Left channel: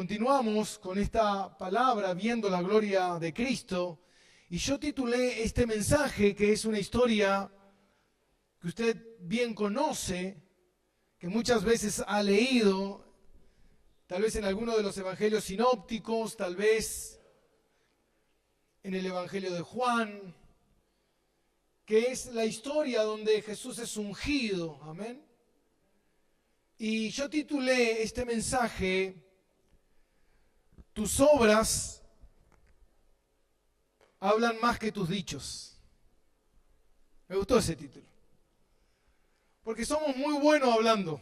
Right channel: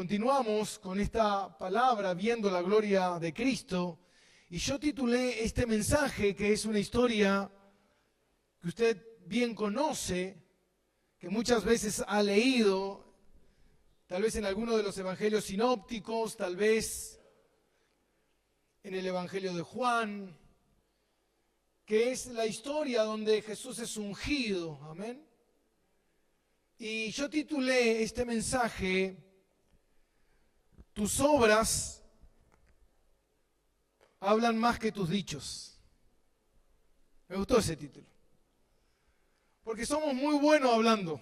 Continuamos con esta palabra, viendo la gloria de Cristo, y yo titulé este mensaje, que es una historia que usted bien conoce, que muchas veces ha leído, tal vez en alguno de los evangelios sinópticos, tal vez en el evangelio de Juan, que es la historia donde Jesús es ungido, amén. Y yo titulé este mensaje, tus obras hablan más que tus dichos. Me gustó ese título, porque somos muy buenos hablando.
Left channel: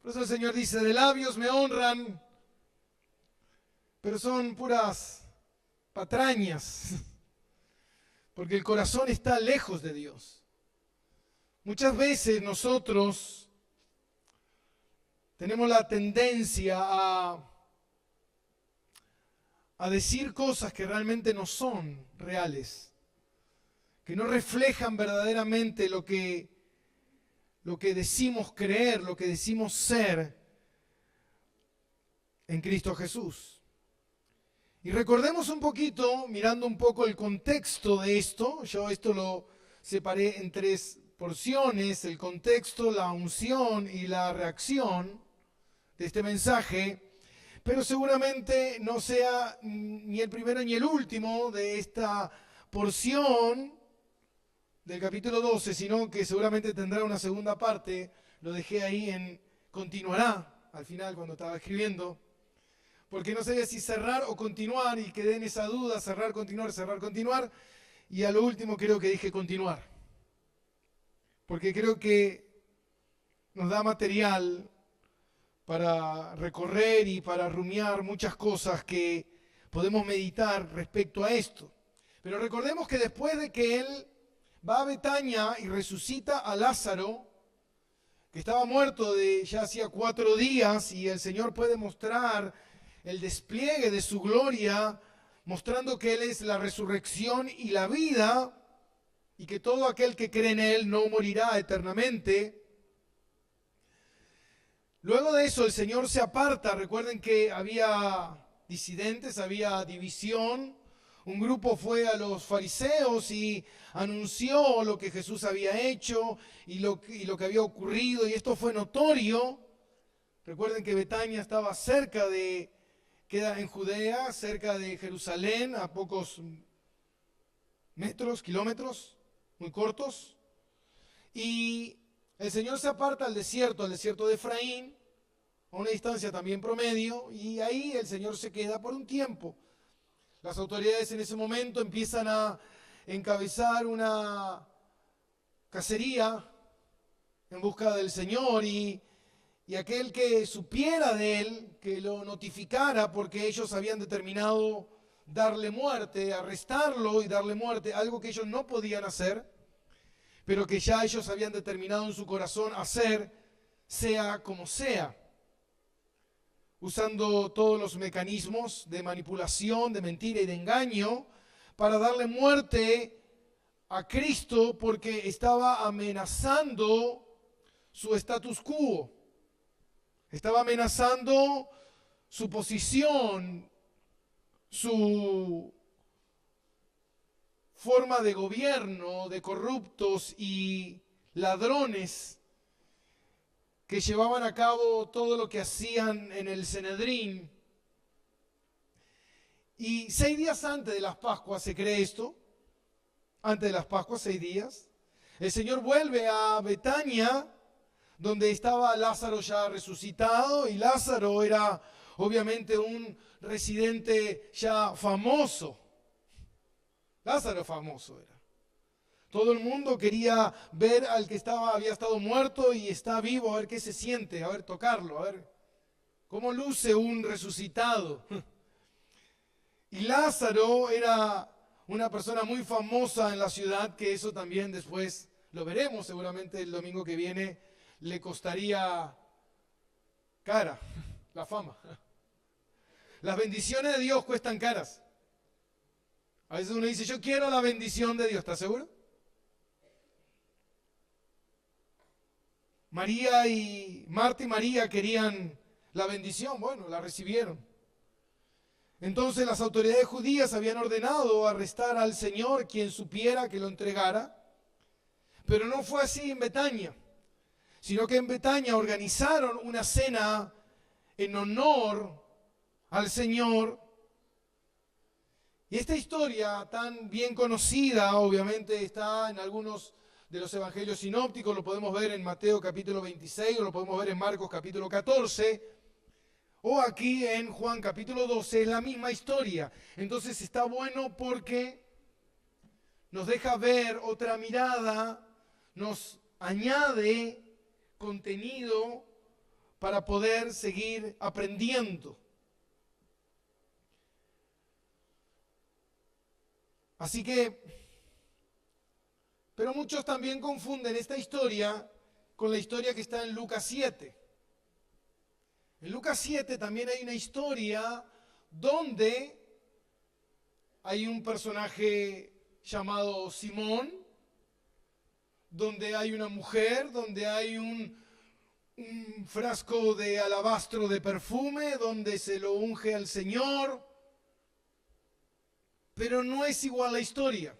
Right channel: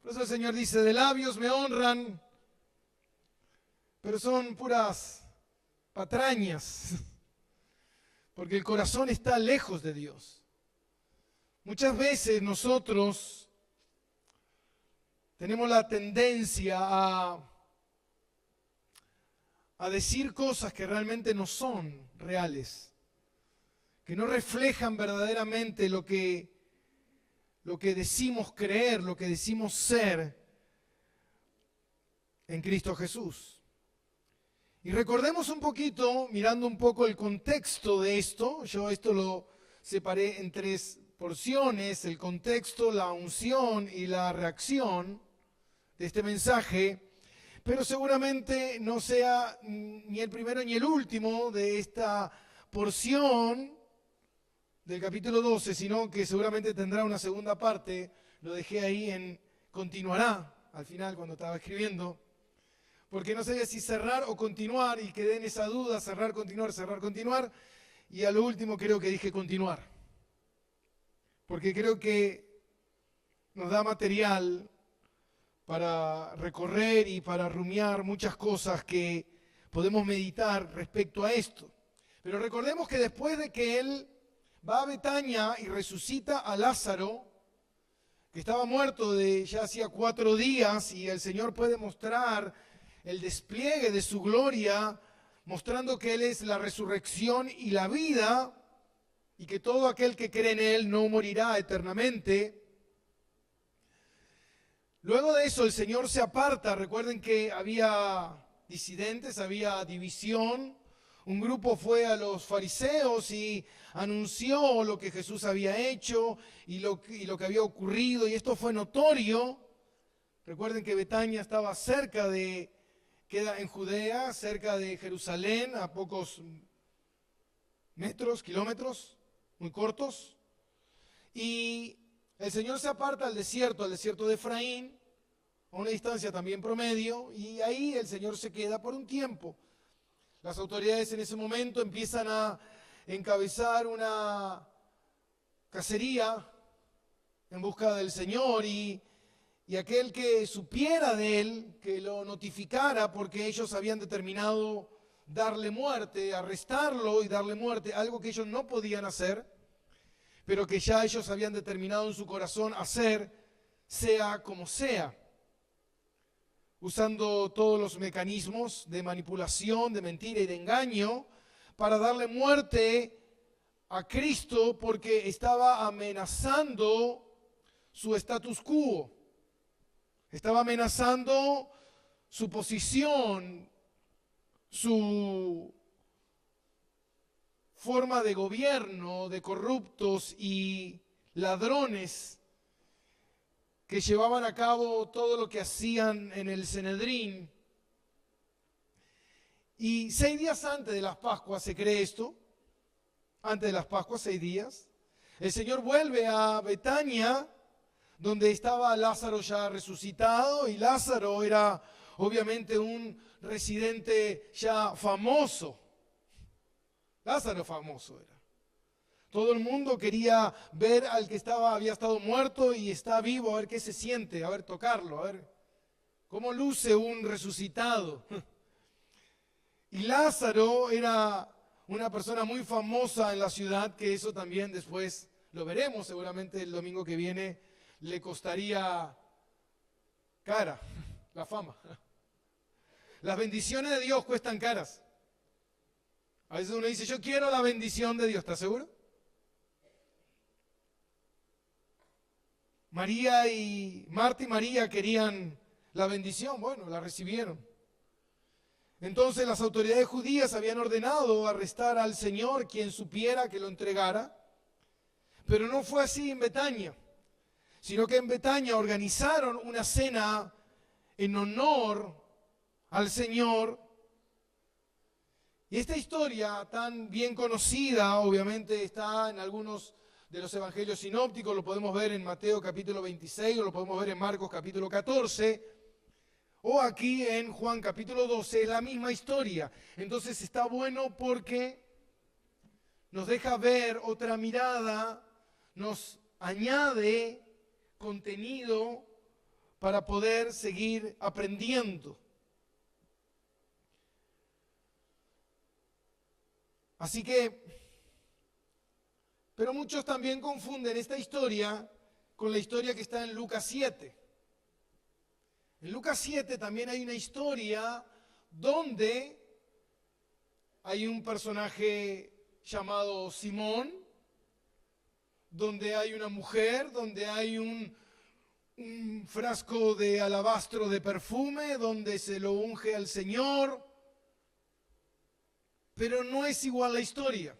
Por eso el Señor dice, de labios me honran, pero son puras patrañas, porque el corazón está lejos de Dios. Muchas veces nosotros tenemos la tendencia a decir cosas que realmente no son reales, que no reflejan verdaderamente lo que decimos creer, lo que decimos ser en Cristo Jesús. Y recordemos un poquito, mirando un poco el contexto de esto. Yo esto lo separé en tres porciones: el contexto, la unción y la reacción de este mensaje, pero seguramente no sea ni el primero ni el último de esta porción del capítulo 12, sino que seguramente tendrá una segunda parte. Lo dejé ahí en continuará, al final cuando estaba escribiendo, porque no sabía si cerrar o continuar, y quedé en esa duda, cerrar, continuar, y a lo último creo que dije continuar, porque creo que nos da material para recorrer y para rumiar muchas cosas que podemos meditar respecto a esto. Pero recordemos que después de que Él va a Betania y resucita a Lázaro, que estaba muerto de ya hacía 4 días, y el Señor puede mostrar el despliegue de su gloria, mostrando que Él es la resurrección y la vida, y que todo aquel que cree en Él no morirá eternamente. Luego de eso el Señor se aparta. Recuerden que había disidentes, había división. Un grupo fue a los fariseos y anunció lo que Jesús había hecho y lo que había ocurrido, y esto fue notorio. Recuerden que Betania estaba queda en Judea, cerca de Jerusalén, a pocos kilómetros, muy cortos. Y el Señor se aparta al desierto de Efraín, a una distancia también promedio, y ahí el Señor se queda por un tiempo. Las autoridades en ese momento empiezan a encabezar una cacería en busca del Señor, y aquel que supiera de Él, que lo notificara, porque ellos habían determinado darle muerte, arrestarlo y darle muerte, algo que ellos no podían hacer, pero que ya ellos habían determinado en su corazón hacer, sea como sea, usando todos los mecanismos de manipulación, de mentira y de engaño, para darle muerte a Cristo, porque estaba amenazando su status quo, estaba amenazando su posición, su forma de gobierno de corruptos y ladrones que llevaban a cabo todo lo que hacían en el Sanedrín. Y 6 días antes de las Pascuas se cree esto, antes de las Pascuas, 6 días, el Señor vuelve a Betania, donde estaba Lázaro ya resucitado, y Lázaro era obviamente un residente ya famoso. Lázaro famoso era. Todo el mundo quería ver al que había estado muerto y está vivo, a ver qué se siente, a ver, tocarlo, a ver cómo luce un resucitado. Y Lázaro era una persona muy famosa en la ciudad, que eso también después lo veremos, seguramente el domingo que viene le costaría cara la fama. Las bendiciones de Dios cuestan caras. A veces uno dice, yo quiero la bendición de Dios, ¿estás seguro? Marta y María querían la bendición, bueno, la recibieron. Entonces las autoridades judías habían ordenado arrestar al Señor, quien supiera que lo entregara. Pero no fue así en Betania, sino que en Betania organizaron una cena en honor al Señor. Y esta historia tan bien conocida, obviamente está en algunos de los evangelios sinópticos, lo podemos ver en Mateo capítulo 26, o lo podemos ver en Marcos capítulo 14, o aquí en Juan capítulo 12, es la misma historia. Entonces está bueno porque nos deja ver otra mirada, nos añade contenido para poder seguir aprendiendo. Así que, pero muchos también confunden esta historia con la historia que está en Lucas 7. En Lucas 7 también hay una historia donde hay un personaje llamado Simón, donde hay una mujer, donde hay un frasco de alabastro de perfume, donde se lo unge al Señor. Pero no es igual la historia.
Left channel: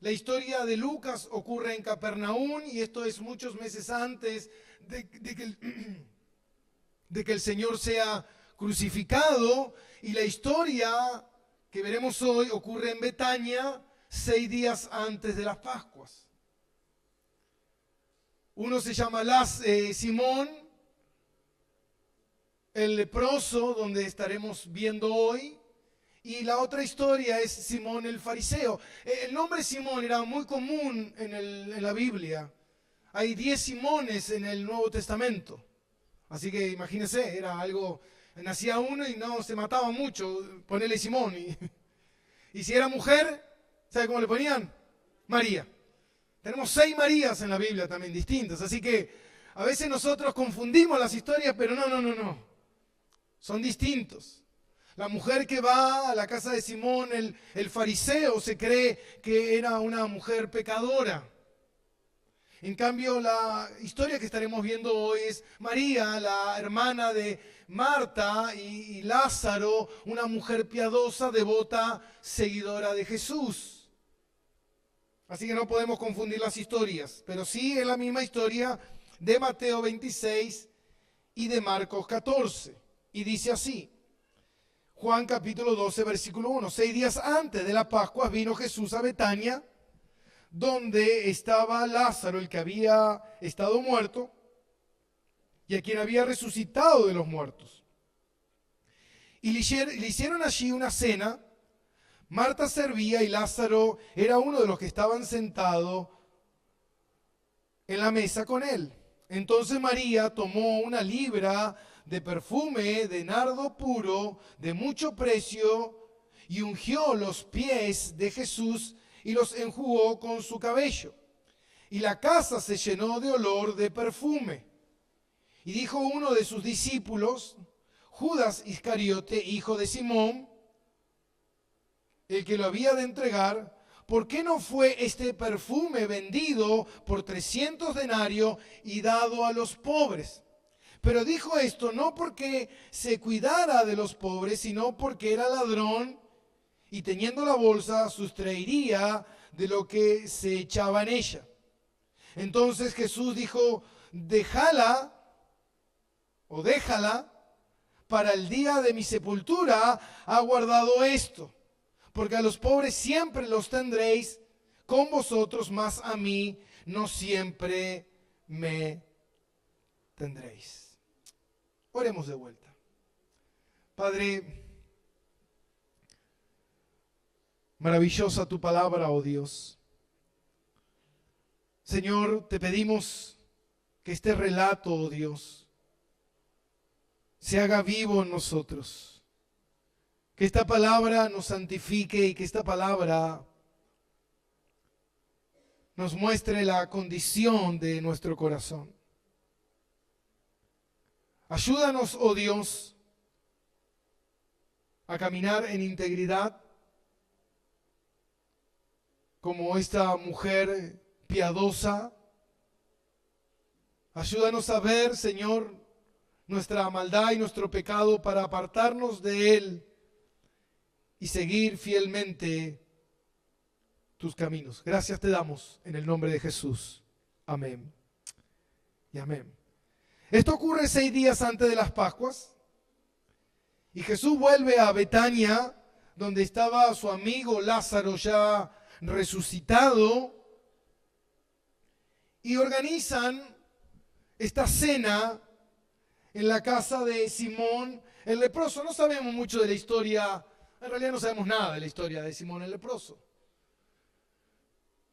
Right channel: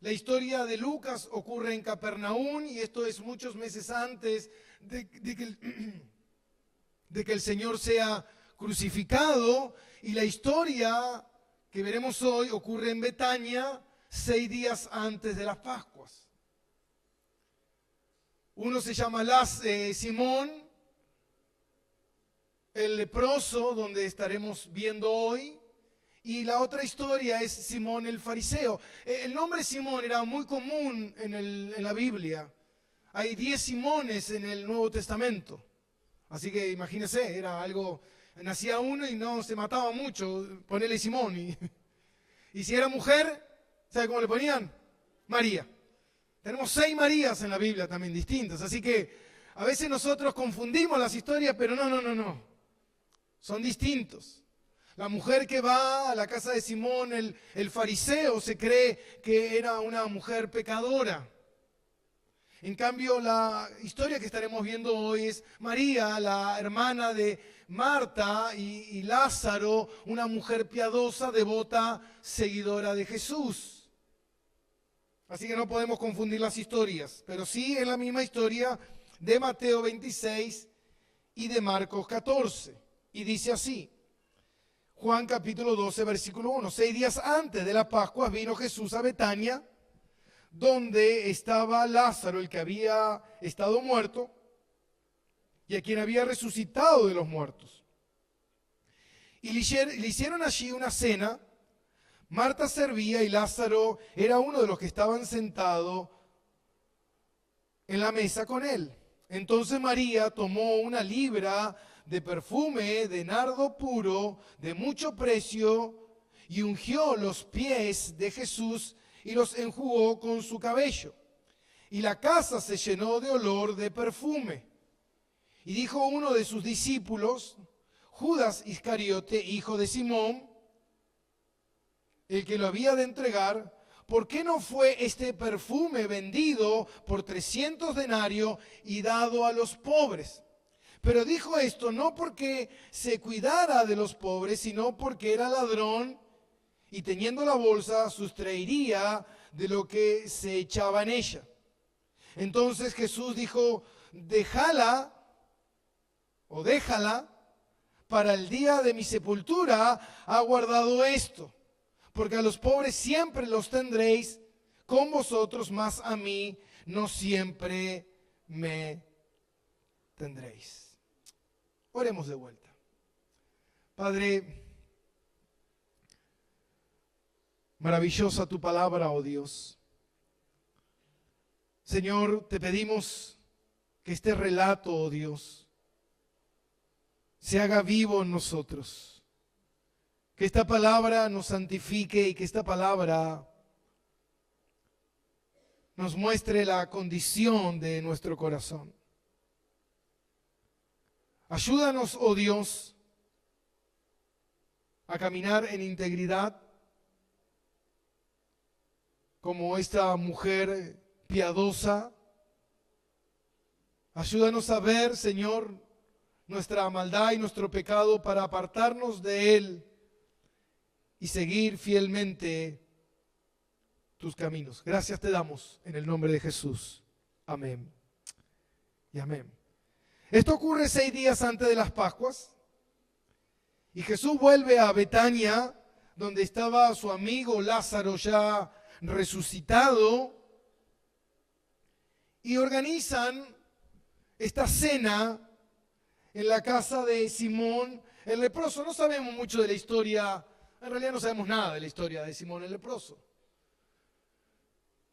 La historia de Lucas ocurre en Capernaum y esto es muchos meses antes de que el Señor sea crucificado. Y la historia que veremos hoy ocurre en Betania 6 días antes de las Pascuas. Uno se llama Simón, el leproso, donde estaremos viendo hoy. Y la otra historia es Simón el fariseo. El nombre Simón era muy común en la Biblia. Hay 10 Simones en el Nuevo Testamento. Así que imagínense, era algo, nacía uno y no se mataba mucho, ponerle Simón. Y si era mujer, ¿sabe cómo le ponían? María. Tenemos 6 Marías en la Biblia también distintas. Así que a veces nosotros confundimos las historias, pero no. Son distintos. La mujer que va a la casa de Simón, el fariseo, se cree que era una mujer pecadora. En cambio, la historia que estaremos viendo hoy es María, la hermana de Marta y Lázaro, una mujer piadosa, devota, seguidora de Jesús. Así que no podemos confundir las historias, pero sí es la misma historia de Mateo 26 y de Marcos 14. Y dice así. Juan capítulo 12, versículo 1. 6 días antes de la Pascua vino Jesús a Betania, donde estaba Lázaro, el que había estado muerto, y a quien había resucitado de los muertos. Y le hicieron allí una cena. Marta servía y Lázaro era uno de los que estaban sentados en la mesa con él. Entonces María tomó una libra de perfume de nardo puro, de mucho precio, y ungió los pies de Jesús y los enjugó con su cabello. Y la casa se llenó de olor de perfume. Y dijo uno de sus discípulos, Judas Iscariote, hijo de Simón, el que lo había de entregar, ¿por qué no fue este perfume vendido por 300 denarios y dado a los pobres? Pero dijo esto no porque se cuidara de los pobres, sino porque era ladrón y teniendo la bolsa sustraería de lo que se echaba en ella. Entonces Jesús dijo, déjala para el día de mi sepultura ha guardado esto, porque a los pobres siempre los tendréis con vosotros, mas a mí no siempre me tendréis. Oremos de vuelta. Padre, maravillosa tu palabra, oh Dios. Señor, te pedimos que este relato, oh Dios, se haga vivo en nosotros. Que esta palabra nos santifique y que esta palabra nos muestre la condición de nuestro corazón. Ayúdanos, oh Dios, a caminar en integridad como esta mujer piadosa. Ayúdanos a ver, Señor, nuestra maldad y nuestro pecado para apartarnos de Él y seguir fielmente tus caminos. Gracias te damos en el nombre de Jesús. Amén y amén. Esto ocurre 6 días antes de las Pascuas y Jesús vuelve a Betania, donde estaba su amigo Lázaro ya resucitado, y organizan esta cena en la casa de Simón el leproso. No sabemos mucho de la historia, en realidad no sabemos nada de la historia de Simón el leproso.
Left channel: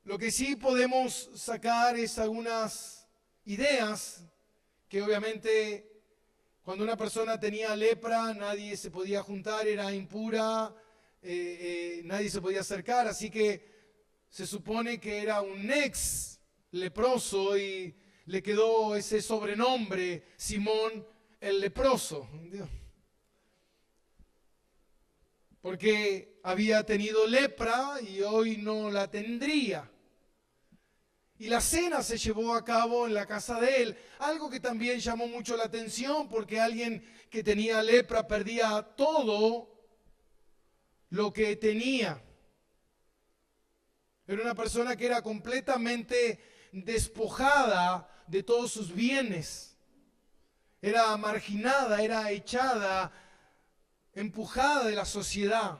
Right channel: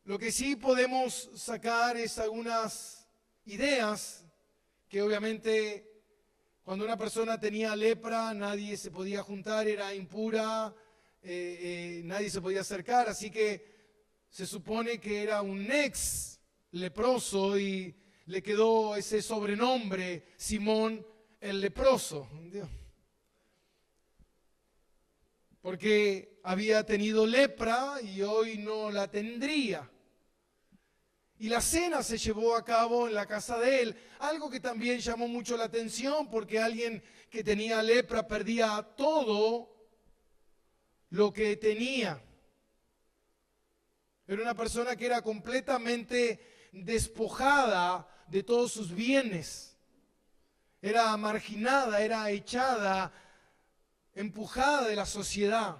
Lo que sí podemos sacar es algunas ideas que obviamente cuando una persona tenía lepra nadie se podía juntar, era impura, nadie se podía acercar, así que se supone que era un ex leproso y le quedó ese sobrenombre, Simón el leproso, porque había tenido lepra y hoy no la tendría. Y la cena se llevó a cabo en la casa de él, algo que también llamó mucho la atención porque alguien que tenía lepra perdía todo lo que tenía. Era una persona que era completamente despojada de todos sus bienes. Era marginada, era echada, empujada de la sociedad.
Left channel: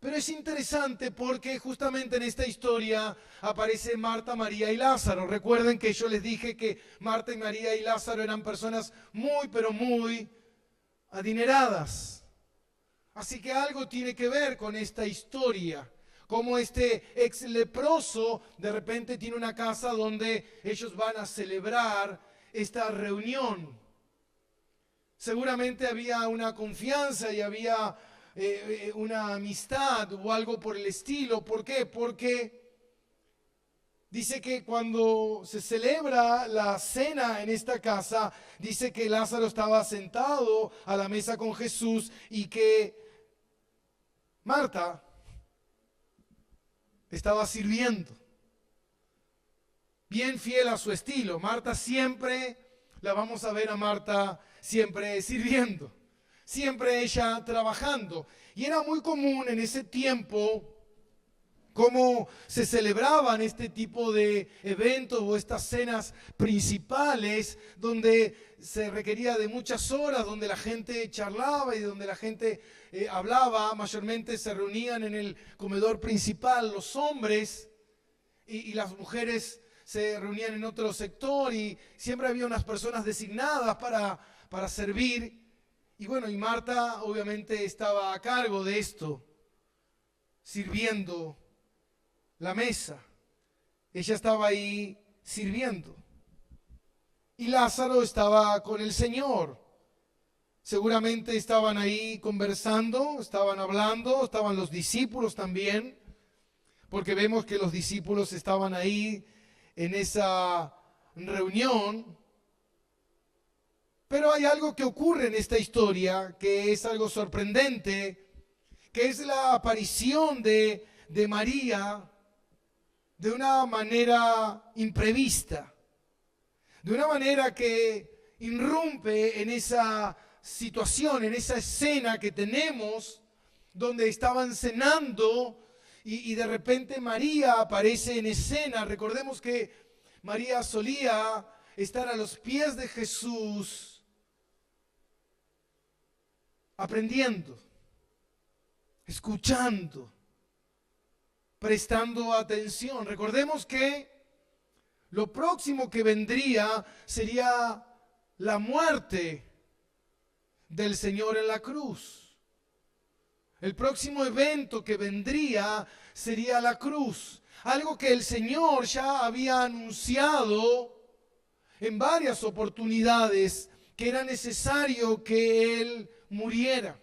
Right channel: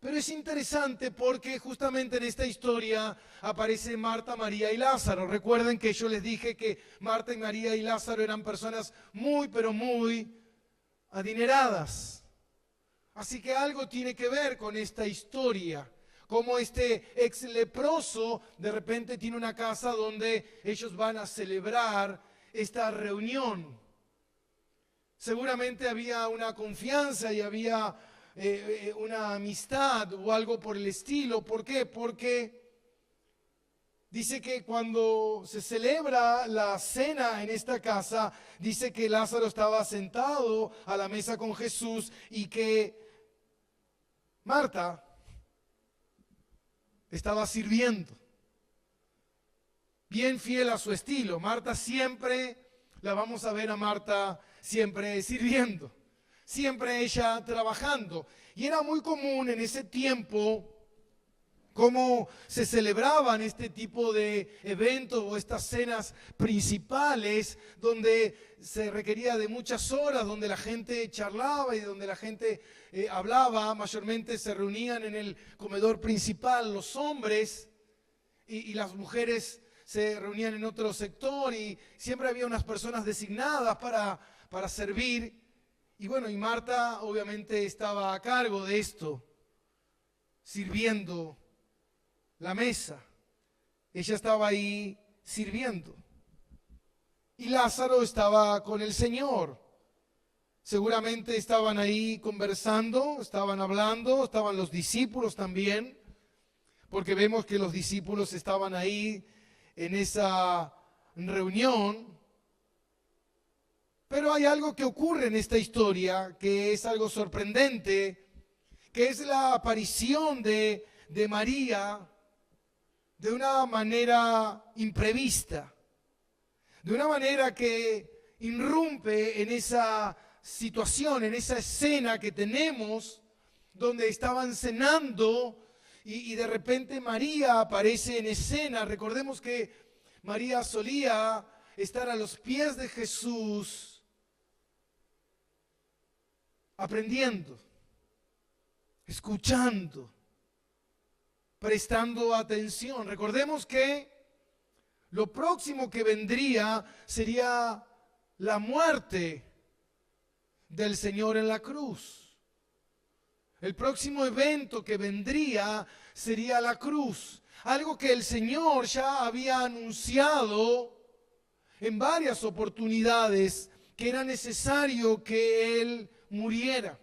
Pero es interesante porque justamente en esta historia aparecen Marta, María y Lázaro. Recuerden que yo les dije que Marta y María y Lázaro eran personas muy, pero muy adineradas. Así que algo tiene que ver con esta historia. Como este ex leproso de repente tiene una casa donde ellos van a celebrar esta reunión. Seguramente había una confianza y había una amistad o algo por el estilo. ¿Por qué? Porque dice que cuando se celebra la cena en esta casa, dice que Lázaro estaba sentado a la mesa con Jesús y que Marta estaba sirviendo. Bien fiel a su estilo. Marta siempre, la vamos a ver a Marta siempre sirviendo. Siempre ella trabajando. Y era muy común en ese tiempo cómo se celebraban este tipo de eventos o estas cenas principales donde se requería de muchas horas, donde la gente charlaba y donde la gente hablaba. Mayormente se reunían en el comedor principal los hombres y las mujeres se reunían en otro sector y siempre había unas personas designadas para servir. Y bueno, y Marta obviamente estaba a cargo de esto, sirviendo la mesa. Ella estaba ahí sirviendo. Y Lázaro estaba con el Señor. Seguramente estaban ahí conversando, estaban hablando, estaban los discípulos también, porque vemos que los discípulos estaban ahí en esa reunión. Pero hay algo que ocurre en esta historia que es algo sorprendente, que es la aparición de María de una manera imprevista, de una manera que irrumpe en esa situación, en esa escena que tenemos, donde estaban cenando y de repente María aparece en escena. Recordemos que María solía estar a los pies de Jesús, aprendiendo, escuchando, prestando atención. Recordemos que lo próximo que vendría sería la muerte del Señor en la cruz. El próximo evento que vendría sería la cruz. Algo que el Señor ya había anunciado en varias oportunidades, que era necesario que Él muriera,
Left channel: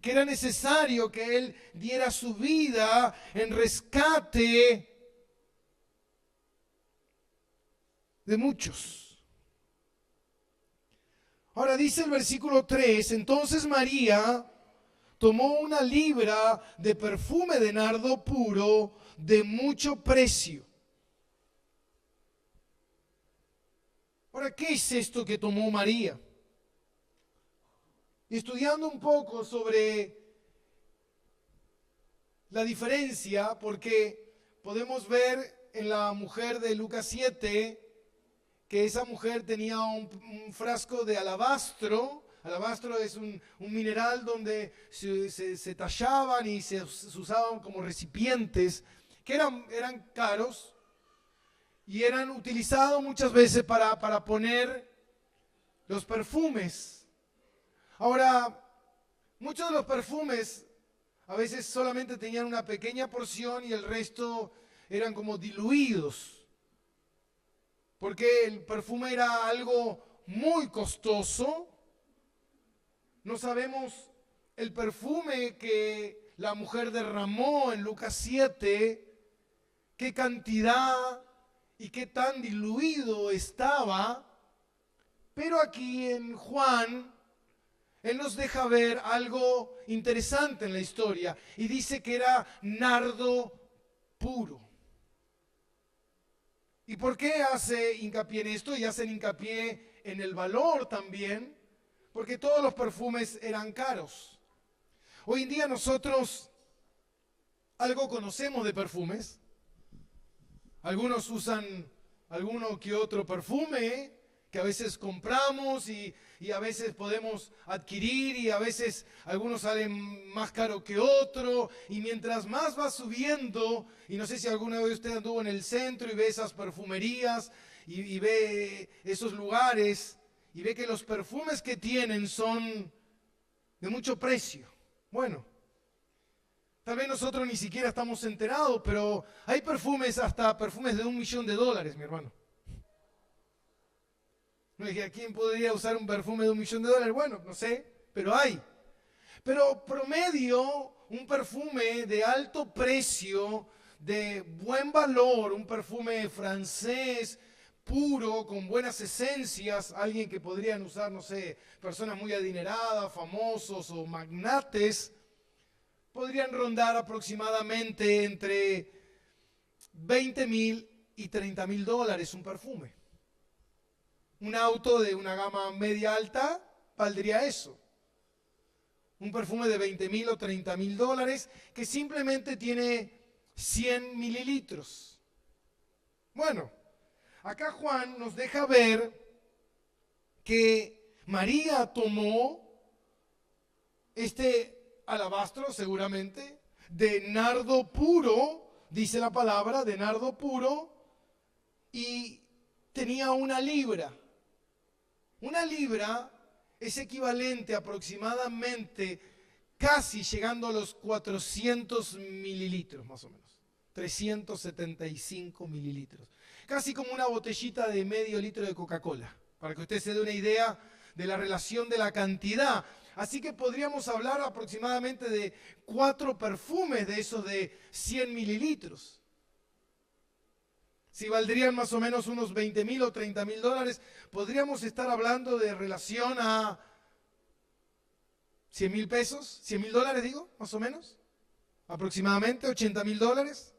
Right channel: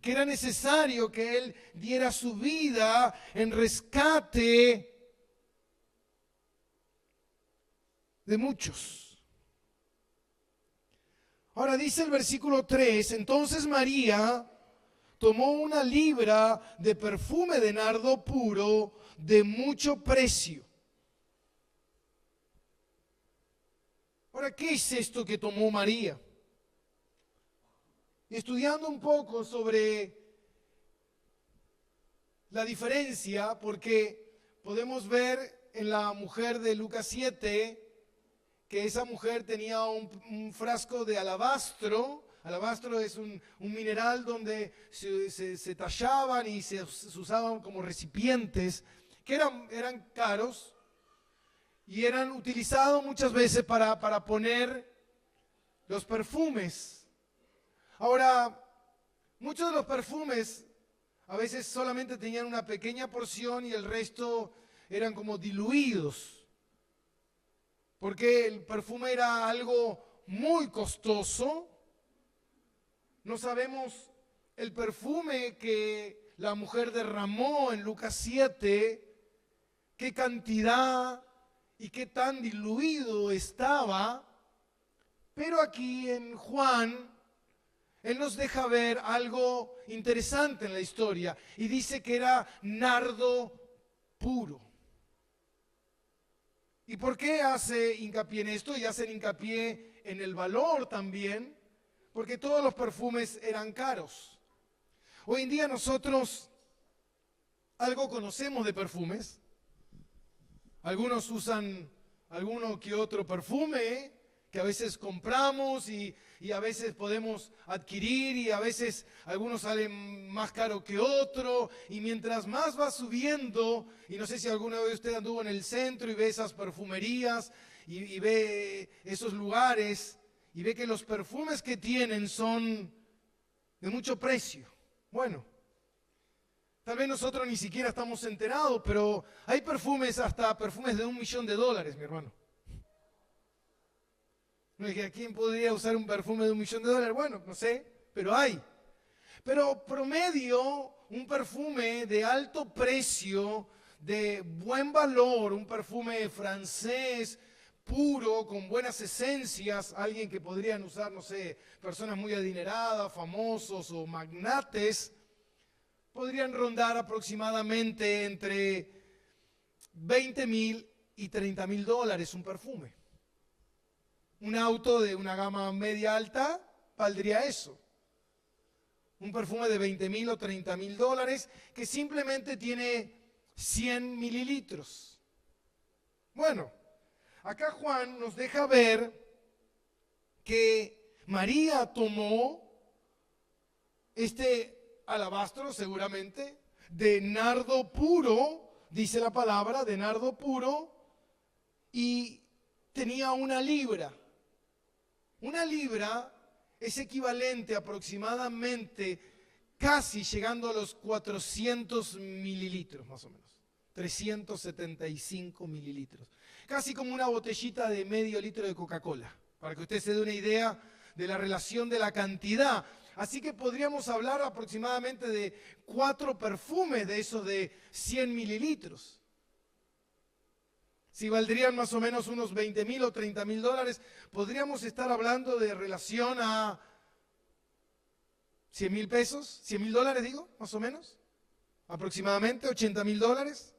que era necesario que Él diera su vida en rescate de muchos. Ahora dice el versículo 3, entonces María tomó una libra de perfume de nardo puro de mucho precio. Ahora, ¿qué es esto que tomó María? Y estudiando un poco sobre la diferencia, porque podemos ver en la mujer de Lucas 7 que esa mujer tenía un frasco de alabastro. Alabastro es un mineral donde se tallaban y se usaban como recipientes que eran caros y eran utilizados muchas veces para poner los perfumes. Ahora, muchos de los perfumes a veces solamente tenían una pequeña porción y el resto eran como diluidos, porque el perfume era algo muy costoso. No sabemos el perfume que la mujer derramó en Lucas 7, qué cantidad y qué tan diluido estaba, pero aquí en Juan, él nos deja ver algo interesante en la historia y dice que era nardo puro. ¿Y por qué hace hincapié en esto? Y hacen hincapié en el valor también, porque todos los perfumes eran caros. Hoy en día nosotros algo conocemos de perfumes. Algunos usan alguno que otro perfume que a veces compramos y a veces podemos adquirir y a veces algunos salen más caro que otro y mientras más va subiendo, y no sé si alguna vez usted anduvo en el centro y ve esas perfumerías y ve esos lugares y ve que los perfumes que tienen son de mucho precio. Bueno, tal vez nosotros ni siquiera estamos enterados, pero hay perfumes, hasta perfumes de $1.000.000, mi hermano. No dije, ¿quién podría usar un perfume de $1.000.000? Bueno, no sé, pero hay. Pero promedio, un perfume de alto precio, de buen valor, un perfume francés, puro, con buenas esencias, alguien que podrían usar, no sé, personas muy adineradas, famosos o magnates, podrían rondar aproximadamente entre $20.000 y $30.000 un perfume. Un auto de una gama media alta valdría eso. Un perfume de $20.000 o $30.000 que simplemente tiene 100 mililitros. Bueno, acá Juan nos deja ver que María tomó este alabastro, seguramente, de nardo puro, dice la palabra, de nardo puro, y tenía 1 libra. 1 libra es equivalente aproximadamente, casi llegando a los 400 mililitros, más o menos. 375 mililitros. Casi como una botellita de medio litro de Coca-Cola, para que usted se dé una idea de la relación de la cantidad. Así que podríamos hablar aproximadamente de 4 perfumes de esos de 100 mililitros. Si valdrían más o menos unos $20.000 o $30.000, podríamos estar hablando de relación a 100.000 pesos, $100.000 digo, más o menos, aproximadamente $80.000.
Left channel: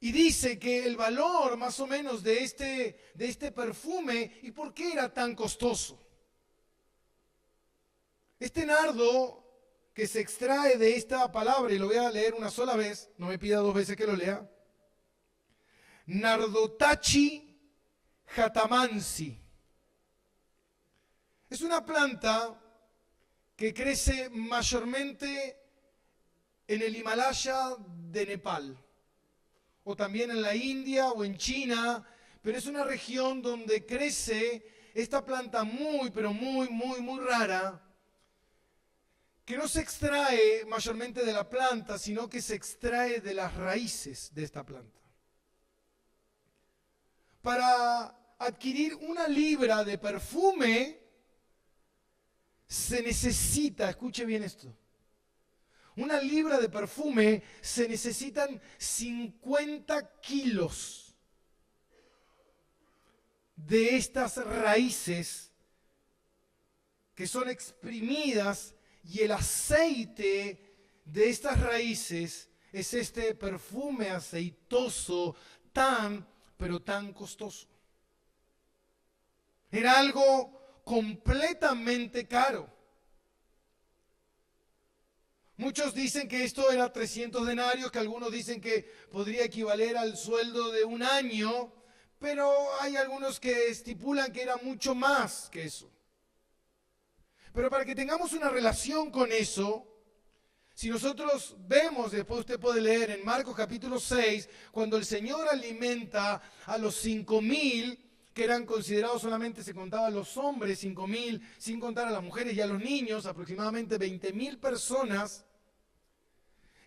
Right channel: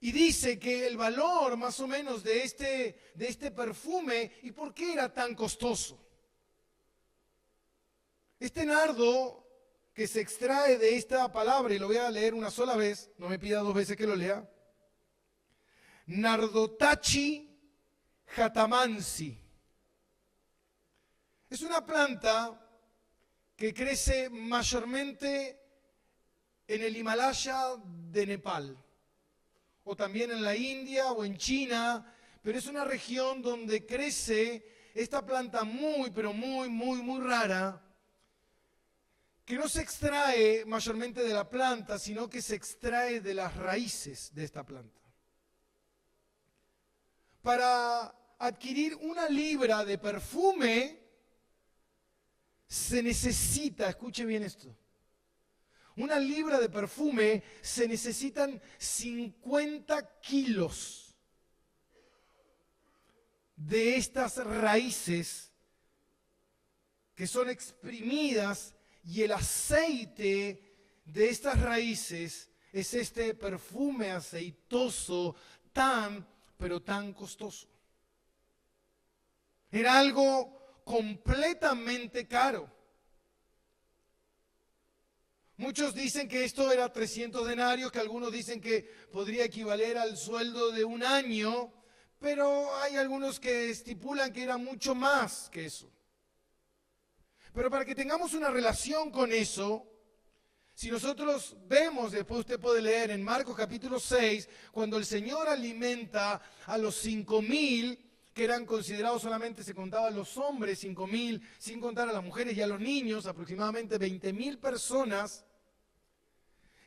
Y dice que el valor más o menos de este perfume, ¿y por qué era tan costoso? Este nardo que se extrae de esta palabra, y lo voy a leer una sola vez, no me pida 2 veces que lo lea, Nardotachi jatamansi. Es una planta que crece mayormente en el Himalaya de Nepal, o también en la India o en China, pero es una región donde crece esta planta muy, pero muy, muy, muy rara, que no se extrae mayormente de la planta, sino que se extrae de las raíces de esta planta. Para adquirir 1 libra de perfume se necesita, escuche bien esto, 1 libra de perfume se necesitan 50 kilos de estas raíces que son exprimidas y el aceite de estas raíces es este perfume aceitoso tan, pero tan costoso. Era algo completamente caro. Muchos dicen que esto era 300 denarios, que algunos dicen que podría equivaler al sueldo de un año, pero hay algunos que estipulan que era mucho más que eso. Pero para que tengamos una relación con eso, si nosotros vemos, después usted puede leer en Marcos capítulo 6, cuando el Señor alimenta a los 5,000, que eran considerados solamente, se contaban los hombres, 5,000, sin contar a las mujeres y a los niños, aproximadamente 20,000 personas.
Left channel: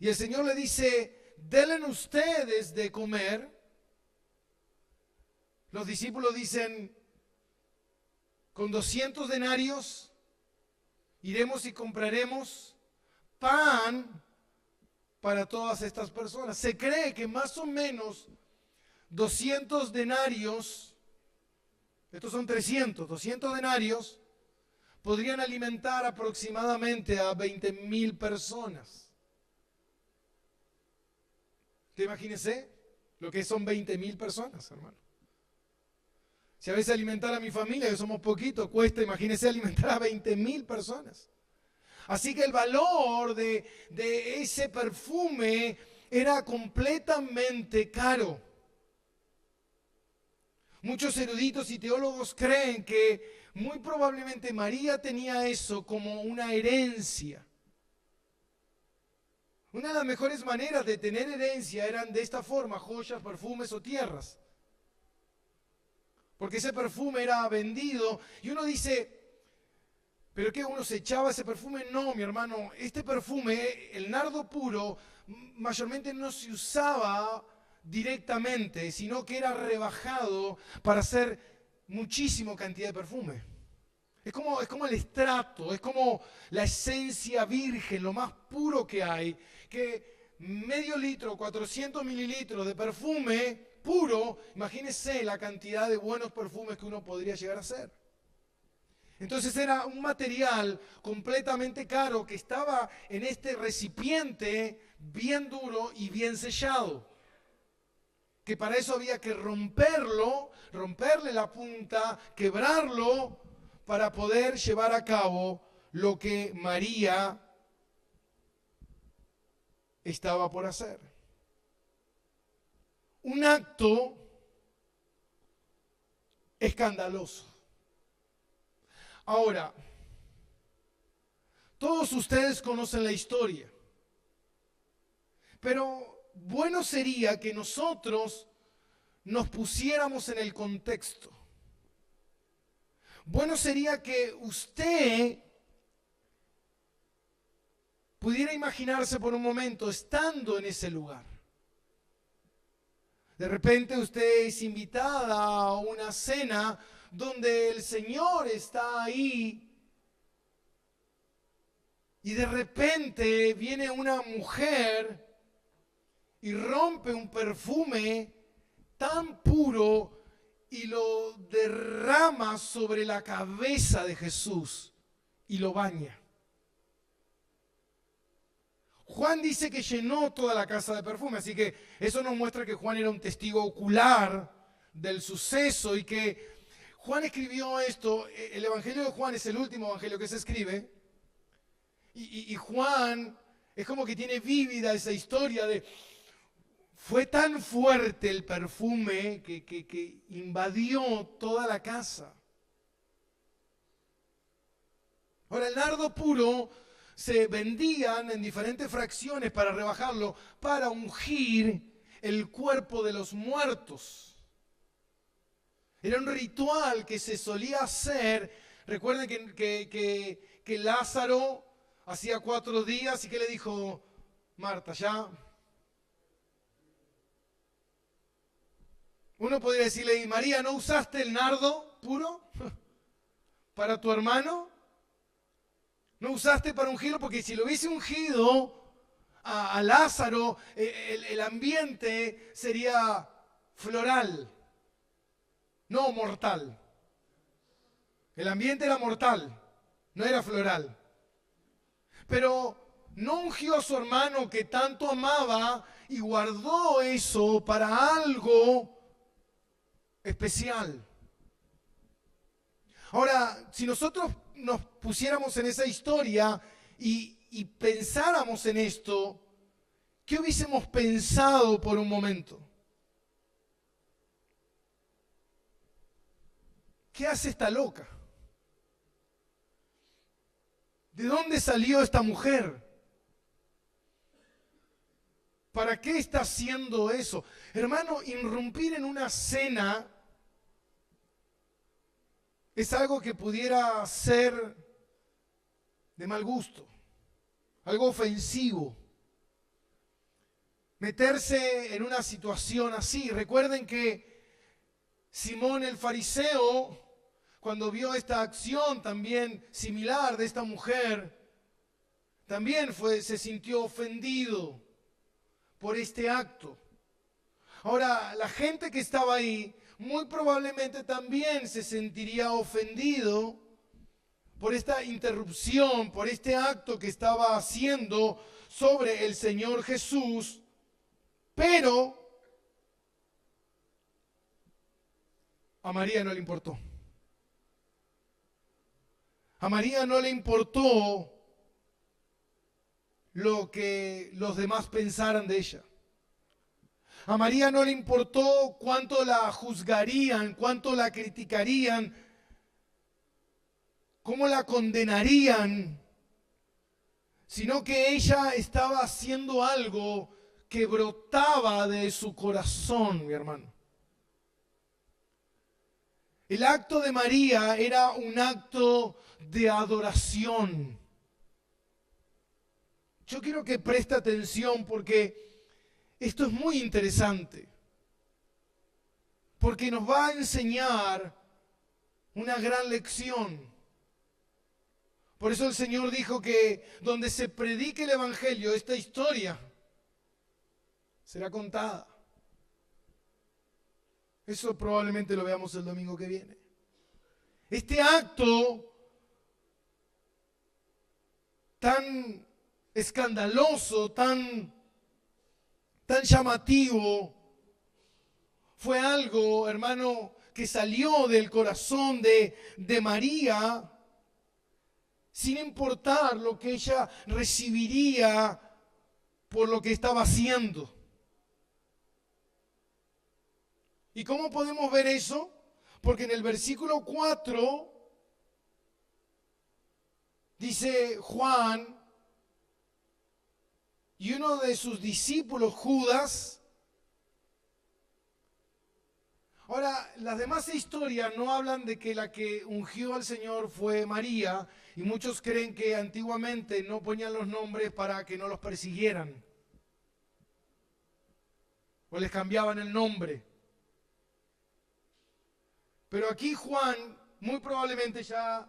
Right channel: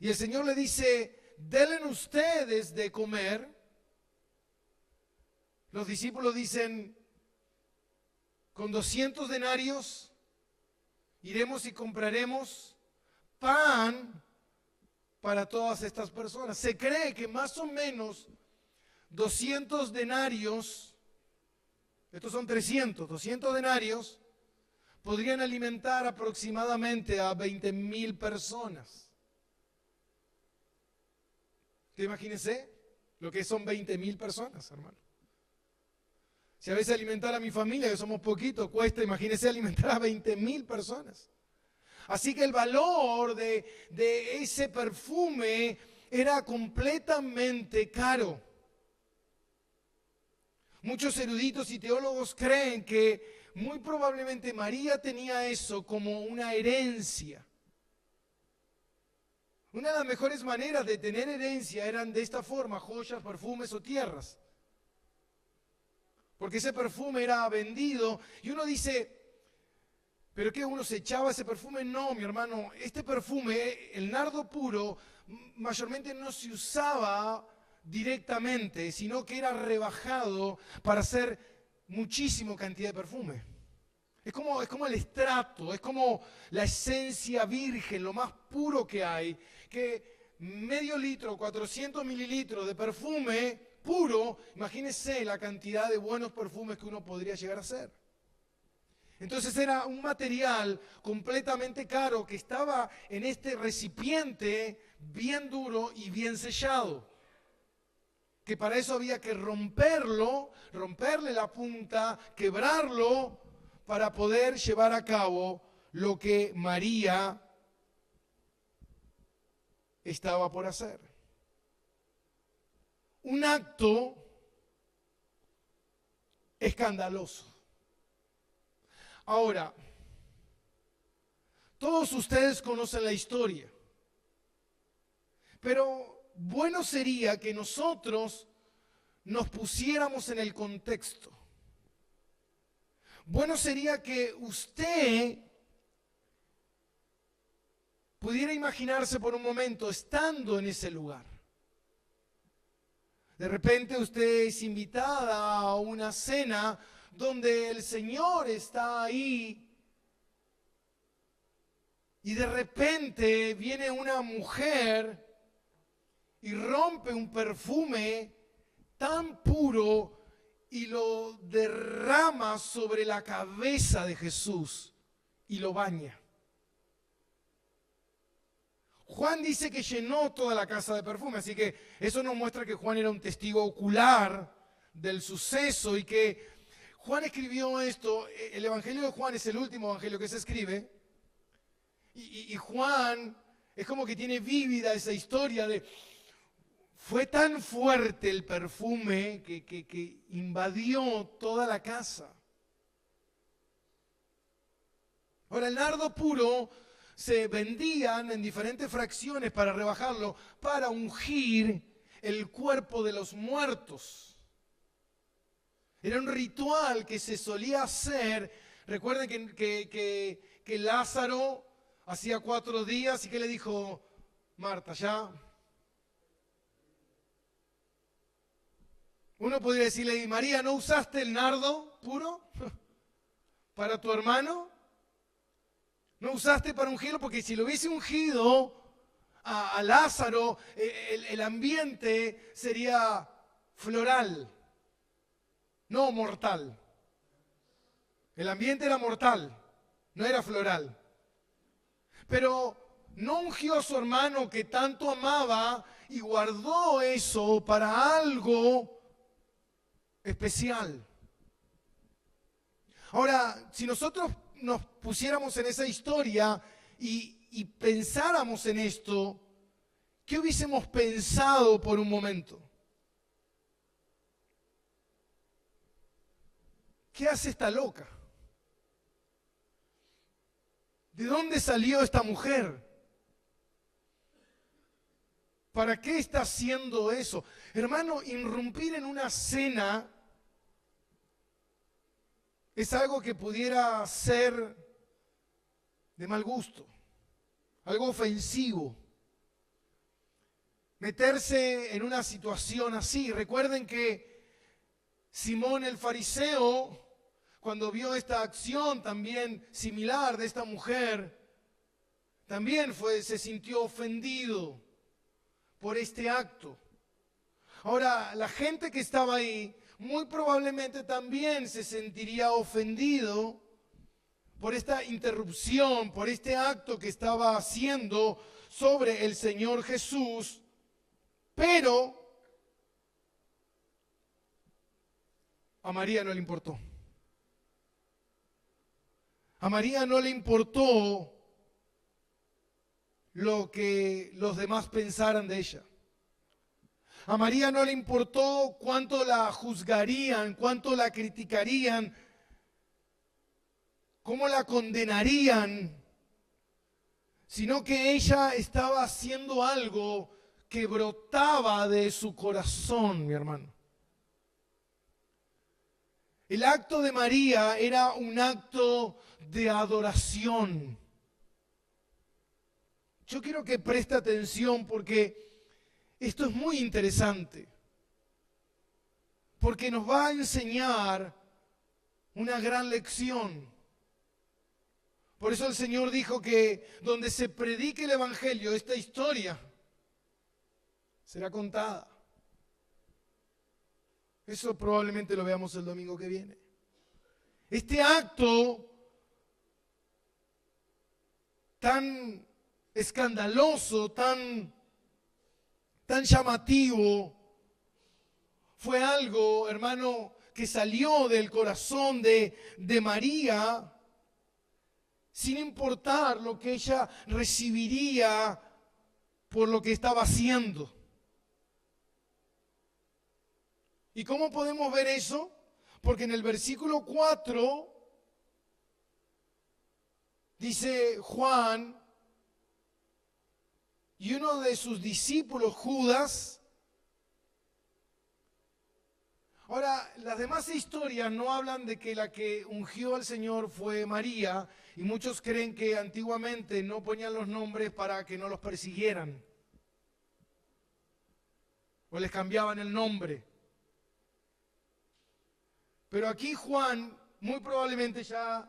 Y el Señor le dice, denle ustedes de comer. Los discípulos dicen, con 200 denarios iremos y compraremos pan para todas estas personas. Se cree que más o menos 200 denarios, estos son 200 denarios, podrían alimentar aproximadamente a 20,000 personas. ¿Te imagínese lo que son 20,000 personas, hermano? Si a veces alimentar a mi familia, que somos poquitos, cuesta, imagínese alimentar a 20,000 personas. Así que el valor de ese perfume era completamente caro. Muchos eruditos y teólogos creen que muy probablemente María tenía eso como una herencia. Una de las mejores maneras de tener herencia eran de esta forma, joyas, perfumes o tierras. Porque ese perfume era vendido y uno dice, ¿pero qué? ¿Uno se echaba ese perfume? No, mi hermano, este perfume, el nardo puro, mayormente no se usaba directamente, sino que era rebajado para hacer muchísima cantidad de perfume. Es como el estrato, es como la esencia virgen, lo más puro que hay, que medio litro, 400 mililitros de perfume puro, imagínese la cantidad de buenos perfumes que uno podría llegar a hacer. Entonces era un material completamente caro que estaba en este recipiente bien duro y bien sellado. Que para eso había que romperlo, romperle la punta, quebrarlo, para poder llevar a cabo lo que María estaba por hacer. Un acto escandaloso. Ahora, todos ustedes conocen la historia, pero bueno sería que nosotros nos pusiéramos en el contexto. Bueno sería que usted pudiera imaginarse por un momento estando en ese lugar. De repente usted es invitada a una cena donde el Señor está ahí y de repente viene una mujer y rompe un perfume tan puro y lo derrama sobre la cabeza de Jesús y lo baña. Juan dice que llenó toda la casa de perfume, así que eso nos muestra que Juan era un testigo ocular del suceso y que Juan escribió esto. El Evangelio de Juan es el último evangelio que se escribe y Juan es como que tiene vívida esa historia de... Fue tan fuerte el perfume que invadió toda la casa. Ahora, el nardo puro se vendían en diferentes fracciones para rebajarlo, para ungir el cuerpo de los muertos. Era un ritual que se solía hacer. Recuerden que Lázaro hacía 4 días y que le dijo, Marta, ya... Uno podría decirle, María, ¿no usaste el nardo puro para tu hermano? ¿No usaste para ungirlo? Porque si lo hubiese ungido a Lázaro, el ambiente sería floral, no mortal. El ambiente era mortal, no era floral. Pero no ungió a su hermano que tanto amaba y guardó eso para algo especial. Ahora, si nosotros nos pusiéramos en esa historia y pensáramos en esto, ¿qué hubiésemos pensado por un momento? ¿Qué hace esta loca? ¿De dónde salió esta mujer? ¿Para qué está haciendo eso? Hermano, irrumpir en una cena es algo que pudiera ser de mal gusto, algo ofensivo. Meterse en una situación así. Recuerden que Simón el fariseo, cuando vio esta acción también similar de esta mujer, también se sintió ofendido por este acto. Ahora, la gente que estaba ahí muy probablemente también se sentiría ofendido por esta interrupción, por este acto que estaba haciendo sobre el Señor Jesús, pero a María no le importó. A María no le importó lo que los demás pensaran de ella. A María no le importó cuánto la juzgarían, cuánto la criticarían, cómo la condenarían, sino que ella estaba haciendo algo que brotaba de su corazón, mi hermano. El acto de María era un acto de adoración. Yo quiero que preste atención porque esto es muy interesante, porque nos va a enseñar una gran lección. Por eso el Señor dijo que donde se predique el Evangelio, esta historia será contada. Eso probablemente lo veamos el domingo que viene. Este acto tan escandaloso, tan llamativo, fue algo, hermano, que salió del corazón de María, sin importar lo que ella recibiría por lo que estaba haciendo. ¿Y cómo podemos ver eso? Porque en el versículo 4 dice Juan, y uno de sus discípulos, Judas. Ahora, las demás historias no hablan de que la que ungió al Señor fue María, y muchos creen que antiguamente no ponían los nombres para que no los persiguieran, o les cambiaban el nombre. Pero aquí Juan, muy probablemente ya,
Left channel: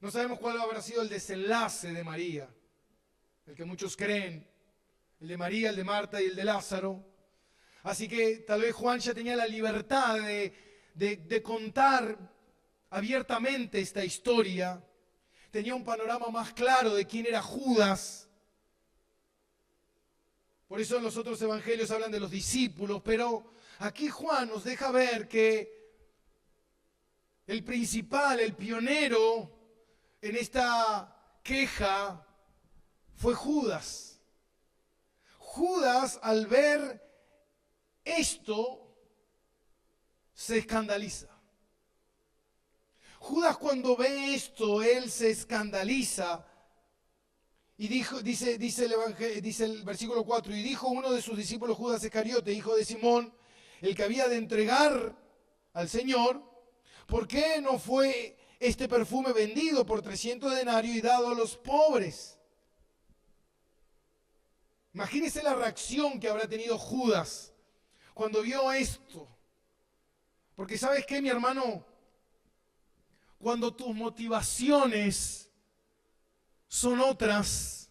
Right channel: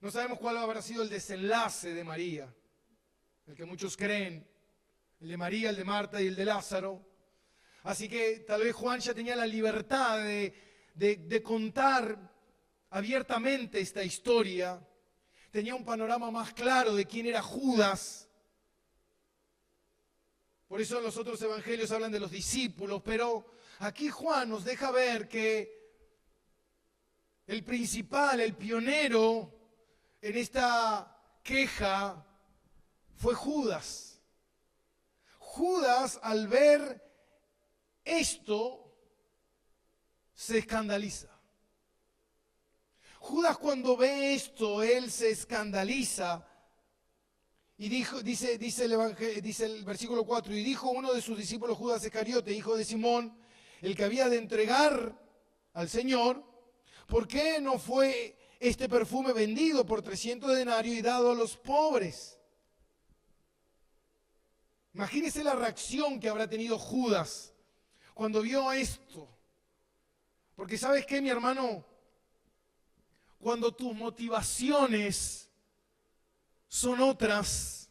no sabemos cuál habrá sido el desenlace de María, el que muchos creen, el de María, el de Marta y el de Lázaro. Así que tal vez Juan ya tenía la libertad de contar abiertamente esta historia. Tenía un panorama más claro de quién era Judas. Por eso en los otros evangelios hablan de los discípulos, pero aquí Juan nos deja ver que el principal, el pionero en esta queja fue Judas. Judas, al ver esto, se escandaliza. Judas, cuando ve esto, él se escandaliza. Y dice el versículo 4, y dijo uno de sus discípulos, Judas Iscariote, hijo de Simón, el que había de entregar al Señor, ¿por qué no fue este perfume vendido por 300 denarios y dado a los pobres? Imagínese la reacción que habrá tenido Judas cuando vio esto. Porque ¿sabes qué, mi hermano? Cuando tus motivaciones son otras,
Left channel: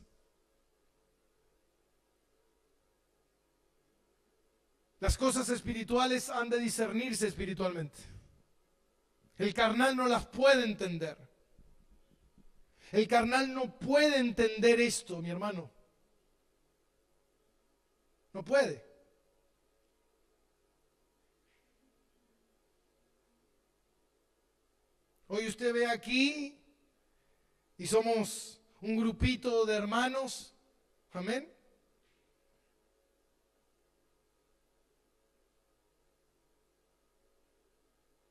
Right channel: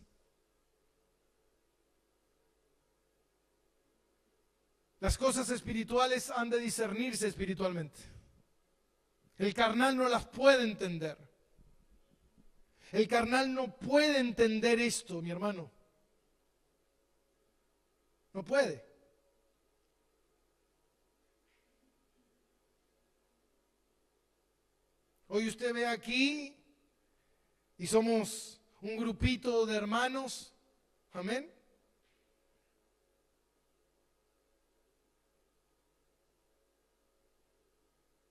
las cosas espirituales han de discernirse espiritualmente. El carnal no las puede entender. El carnal no puede entender esto, mi hermano. No puede. Hoy usted ve aquí y somos un grupito de hermanos. Amén.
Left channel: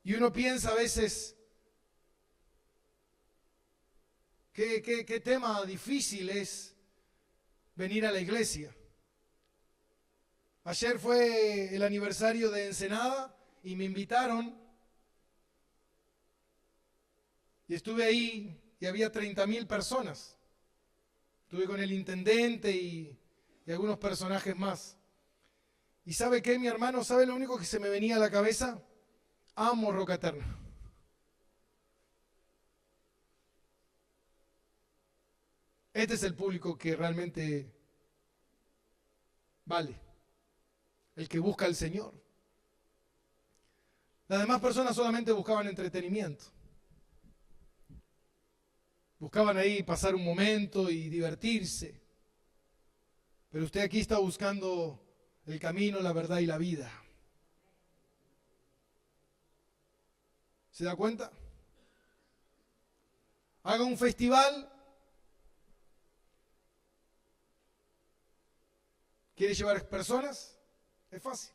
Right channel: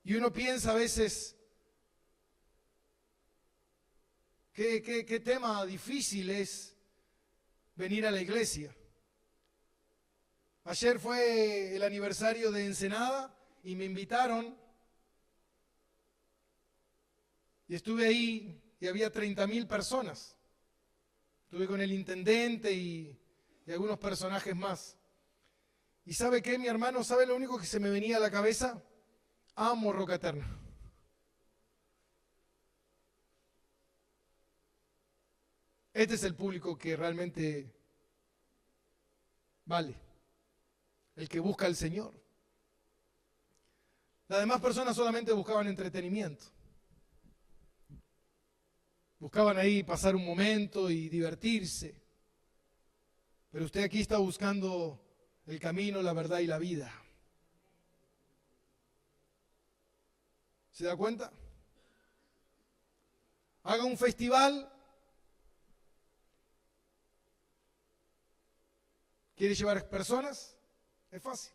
Y uno piensa a veces, qué tema difícil es venir a la iglesia. Ayer fue el aniversario de Ensenada y me invitaron. Y estuve ahí y había 30.000 personas. Estuve con el intendente y algunos personajes más. ¿Y sabe qué, mi hermano? ¿Sabe lo único que se me venía a la cabeza? Amo Roca Eterna. Este es el público que realmente vale. El que busca al Señor. Las demás personas solamente buscaban entretenimiento. Buscaban ahí pasar un momento y divertirse. Pero usted aquí está buscando el camino, la verdad y la vida. ¿Se da cuenta? Haga un festival. ¿Quiere llevar personas? Es fácil.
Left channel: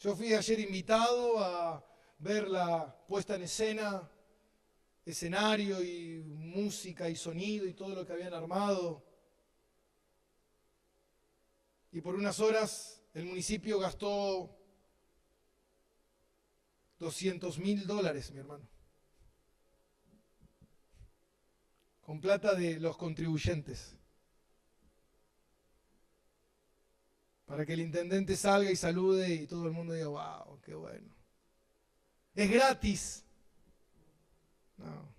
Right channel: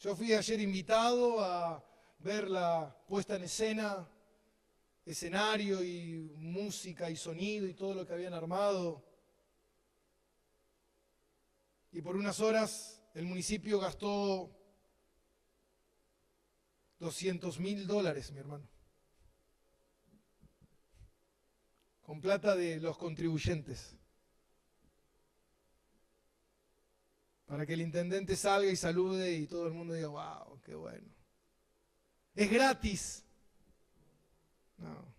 Yo fui ayer invitado a ver la puesta en escena, escenario y música y sonido y todo lo que habían armado. Y por unas horas el municipio gastó $200.000, mi hermano. Con plata de los contribuyentes. Para que el intendente salga y salude y todo el mundo diga, wow, qué bueno. Es gratis. No,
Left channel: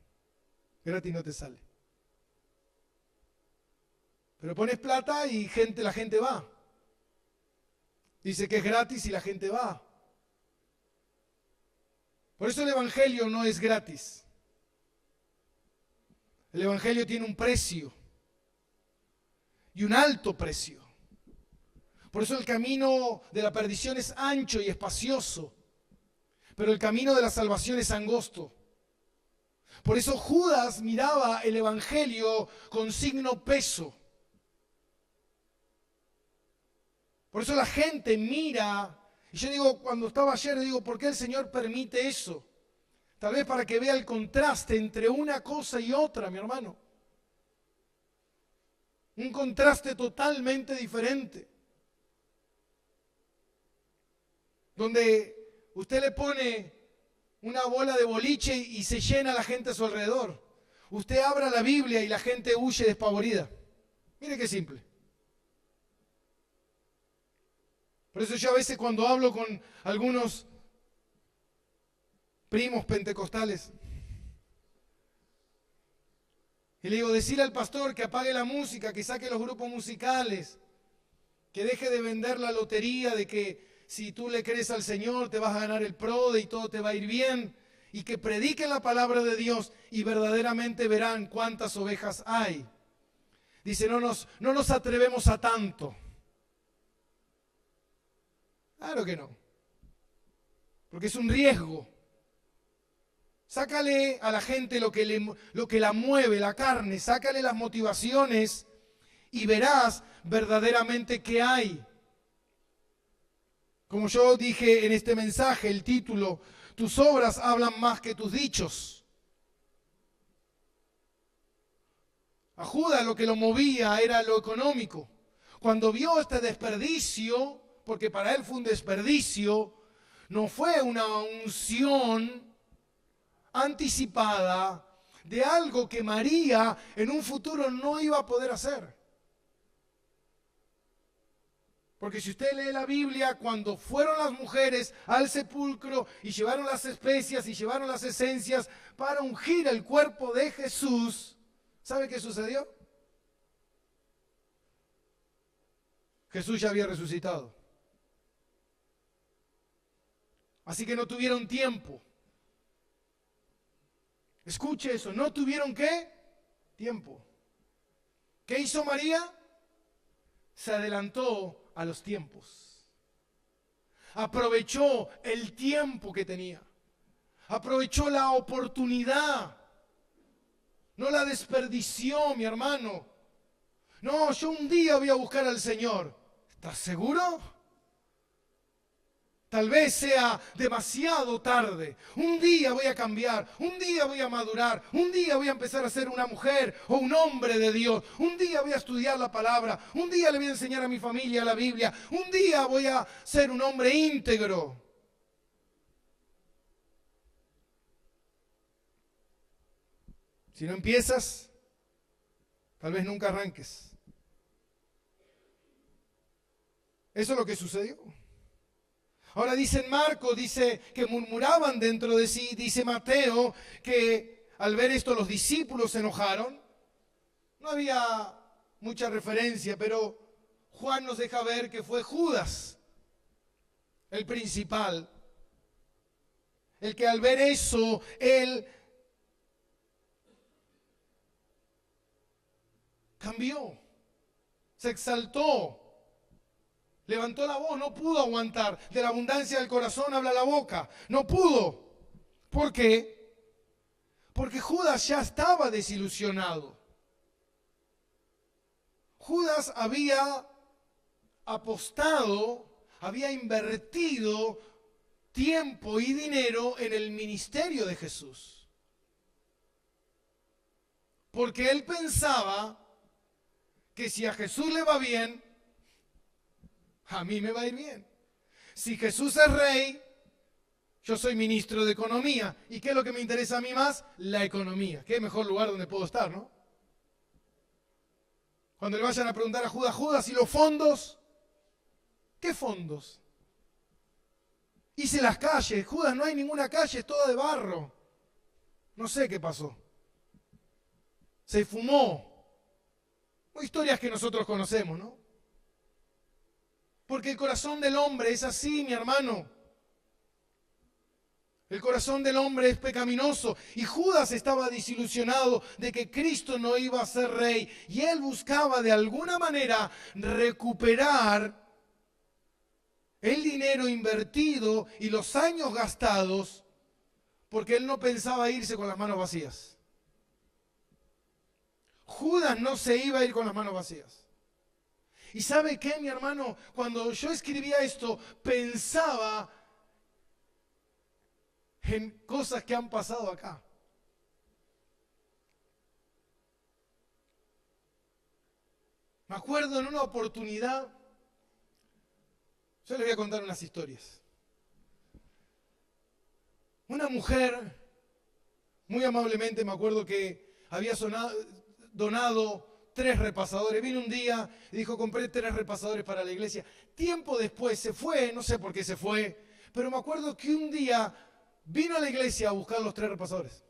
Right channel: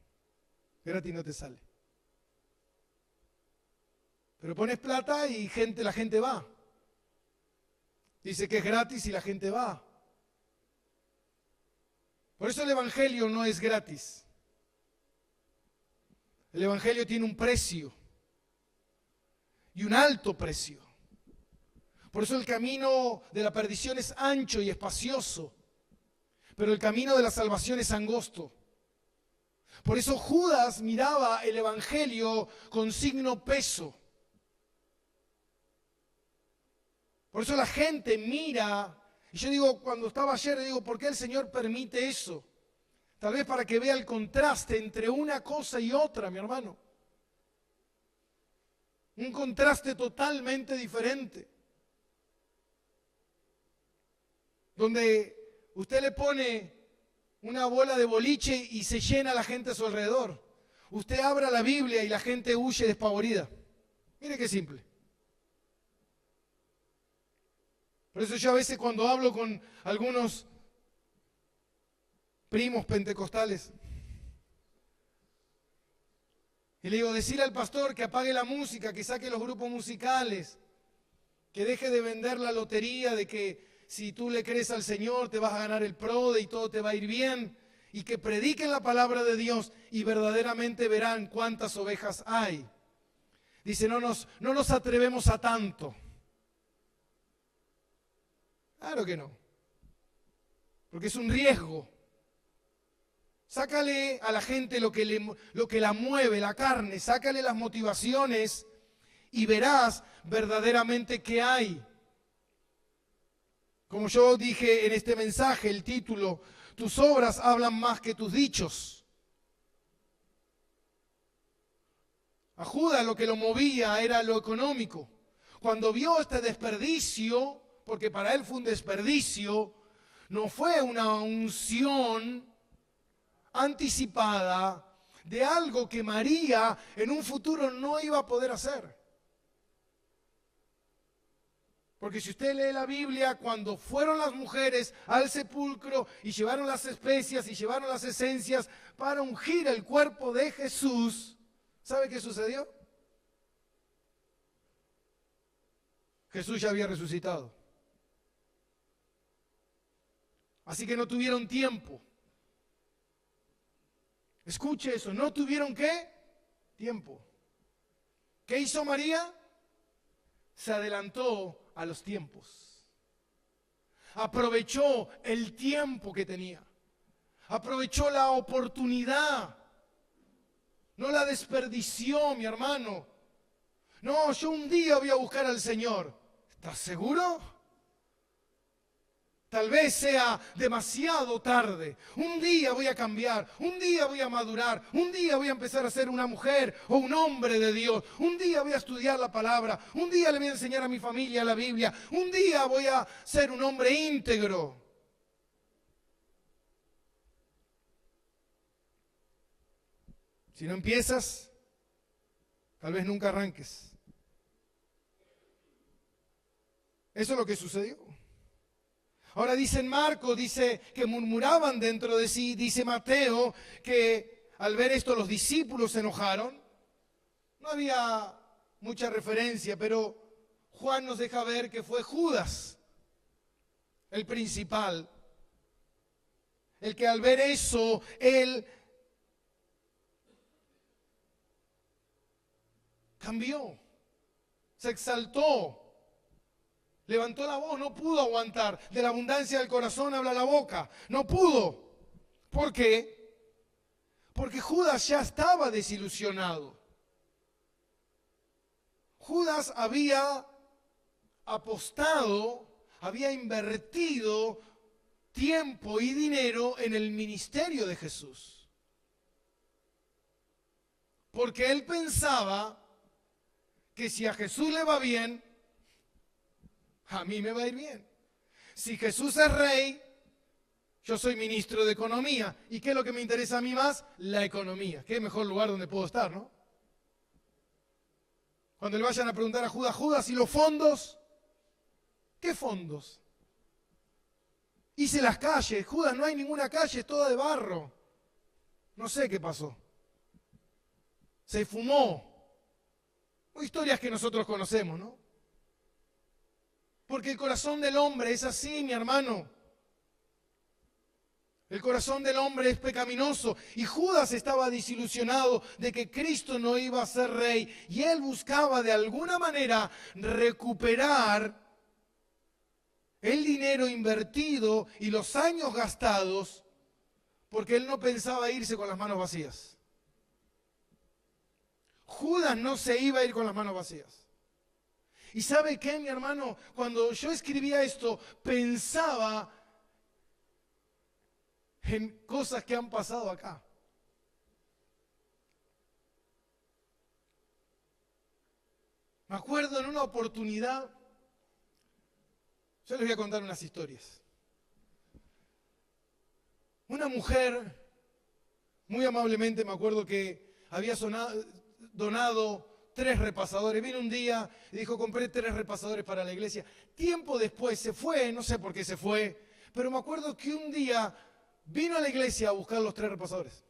gratis no te sale. Pero pones plata y la gente va. Dice que es gratis y la gente va. Por eso el Evangelio no es gratis. El Evangelio tiene un precio. Y un alto precio. Por eso el camino de la perdición es ancho y espacioso, pero el camino de la salvación es angosto. Por eso Judas miraba el Evangelio con signo peso. Por eso la gente mira, y yo digo, cuando estaba ayer, digo, ¿por qué el Señor permite eso? Tal vez para que vea el contraste entre una cosa y otra, mi hermano. Un contraste totalmente diferente. Donde usted le pone una bola de boliche y se llena la gente a su alrededor. Usted abra la Biblia y la gente huye despavorida. Mire qué simple. Por eso yo a veces cuando hablo con algunos primos pentecostales, y le digo, decirle al pastor que apague la música, que saque los grupos musicales, que deje de vender la lotería de que si tú le crees al Señor, te vas a ganar el PRODE y todo te va a ir bien. Y que prediquen la palabra de Dios y verdaderamente verán cuántas ovejas hay. Dice, no nos atrevemos a tanto. Claro que no. Porque es un riesgo. Sácale a la gente lo que la mueve, la carne. Sácale las motivaciones y verás verdaderamente qué hay. Como yo dije en este mensaje, el título, tus obras hablan más que tus dichos. A Judas lo que lo movía era lo económico. Cuando vio este desperdicio, porque para él fue un desperdicio, no fue una unción anticipada de algo que María en un futuro no iba a poder hacer. Porque si usted lee la Biblia, cuando fueron las mujeres al sepulcro y llevaron las especias y llevaron las esencias para ungir el cuerpo de Jesús, ¿sabe qué sucedió? Jesús ya había resucitado. Así que no tuvieron tiempo. Escuche eso, ¿no tuvieron qué? Tiempo. ¿Qué hizo María? Se adelantó a los tiempos. Aprovechó el tiempo que tenía. Aprovechó la oportunidad. No la desperdició, mi hermano. No, yo un día voy a buscar al Señor. ¿Estás seguro? Tal vez sea demasiado tarde. Un día voy a cambiar, un día voy a madurar, un día voy a empezar a ser una mujer o un hombre de Dios. Un día voy a estudiar la palabra, un día le voy a enseñar a mi familia la Biblia, un día voy a ser un hombre íntegro. Si no empiezas, tal vez nunca arranques. Eso es lo que sucedió. Ahora dice en Marcos, dice que murmuraban dentro de sí, dice Mateo, que al ver esto los discípulos se enojaron. No había mucha referencia, pero Juan nos deja ver que fue Judas, el principal, el que al ver eso, él cambió, se exaltó. Levantó la voz, no pudo aguantar. De la abundancia del corazón habla la boca. No pudo. ¿Por qué? Porque Judas ya estaba desilusionado. Judas había apostado, había invertido tiempo y dinero en el ministerio de Jesús. Porque él pensaba que si a Jesús le va bien, a mí me va a ir bien. Si Jesús es rey, yo soy ministro de economía. ¿Y qué es lo que me interesa a mí más? La economía. ¿Qué mejor lugar donde puedo estar, no? Cuando le vayan a preguntar a Judas, Judas, ¿y los fondos? ¿Qué fondos? Hice las calles. Judas, no hay ninguna calle, es toda de barro. No sé qué pasó. Se fumó. Historias que nosotros conocemos, ¿no? Porque el corazón del hombre es así, mi hermano. El corazón del hombre es pecaminoso. Y Judas estaba desilusionado de que Cristo no iba a ser rey. Y él buscaba de alguna manera recuperar el dinero invertido y los años gastados, porque él no pensaba irse con las manos vacías. Judas no se iba a ir con las manos vacías. ¿Y sabe qué, mi hermano? Cuando yo escribía esto, pensaba en cosas que han pasado acá. Me acuerdo en una oportunidad, yo les voy a contar unas historias. Una mujer, muy amablemente, me acuerdo que había donado 3 repasadores. Vino un día y dijo, compré 3 repasadores para la iglesia. Tiempo después se fue, no sé por qué se fue, pero me acuerdo que un día vino a la iglesia a buscar los 3 repasadores.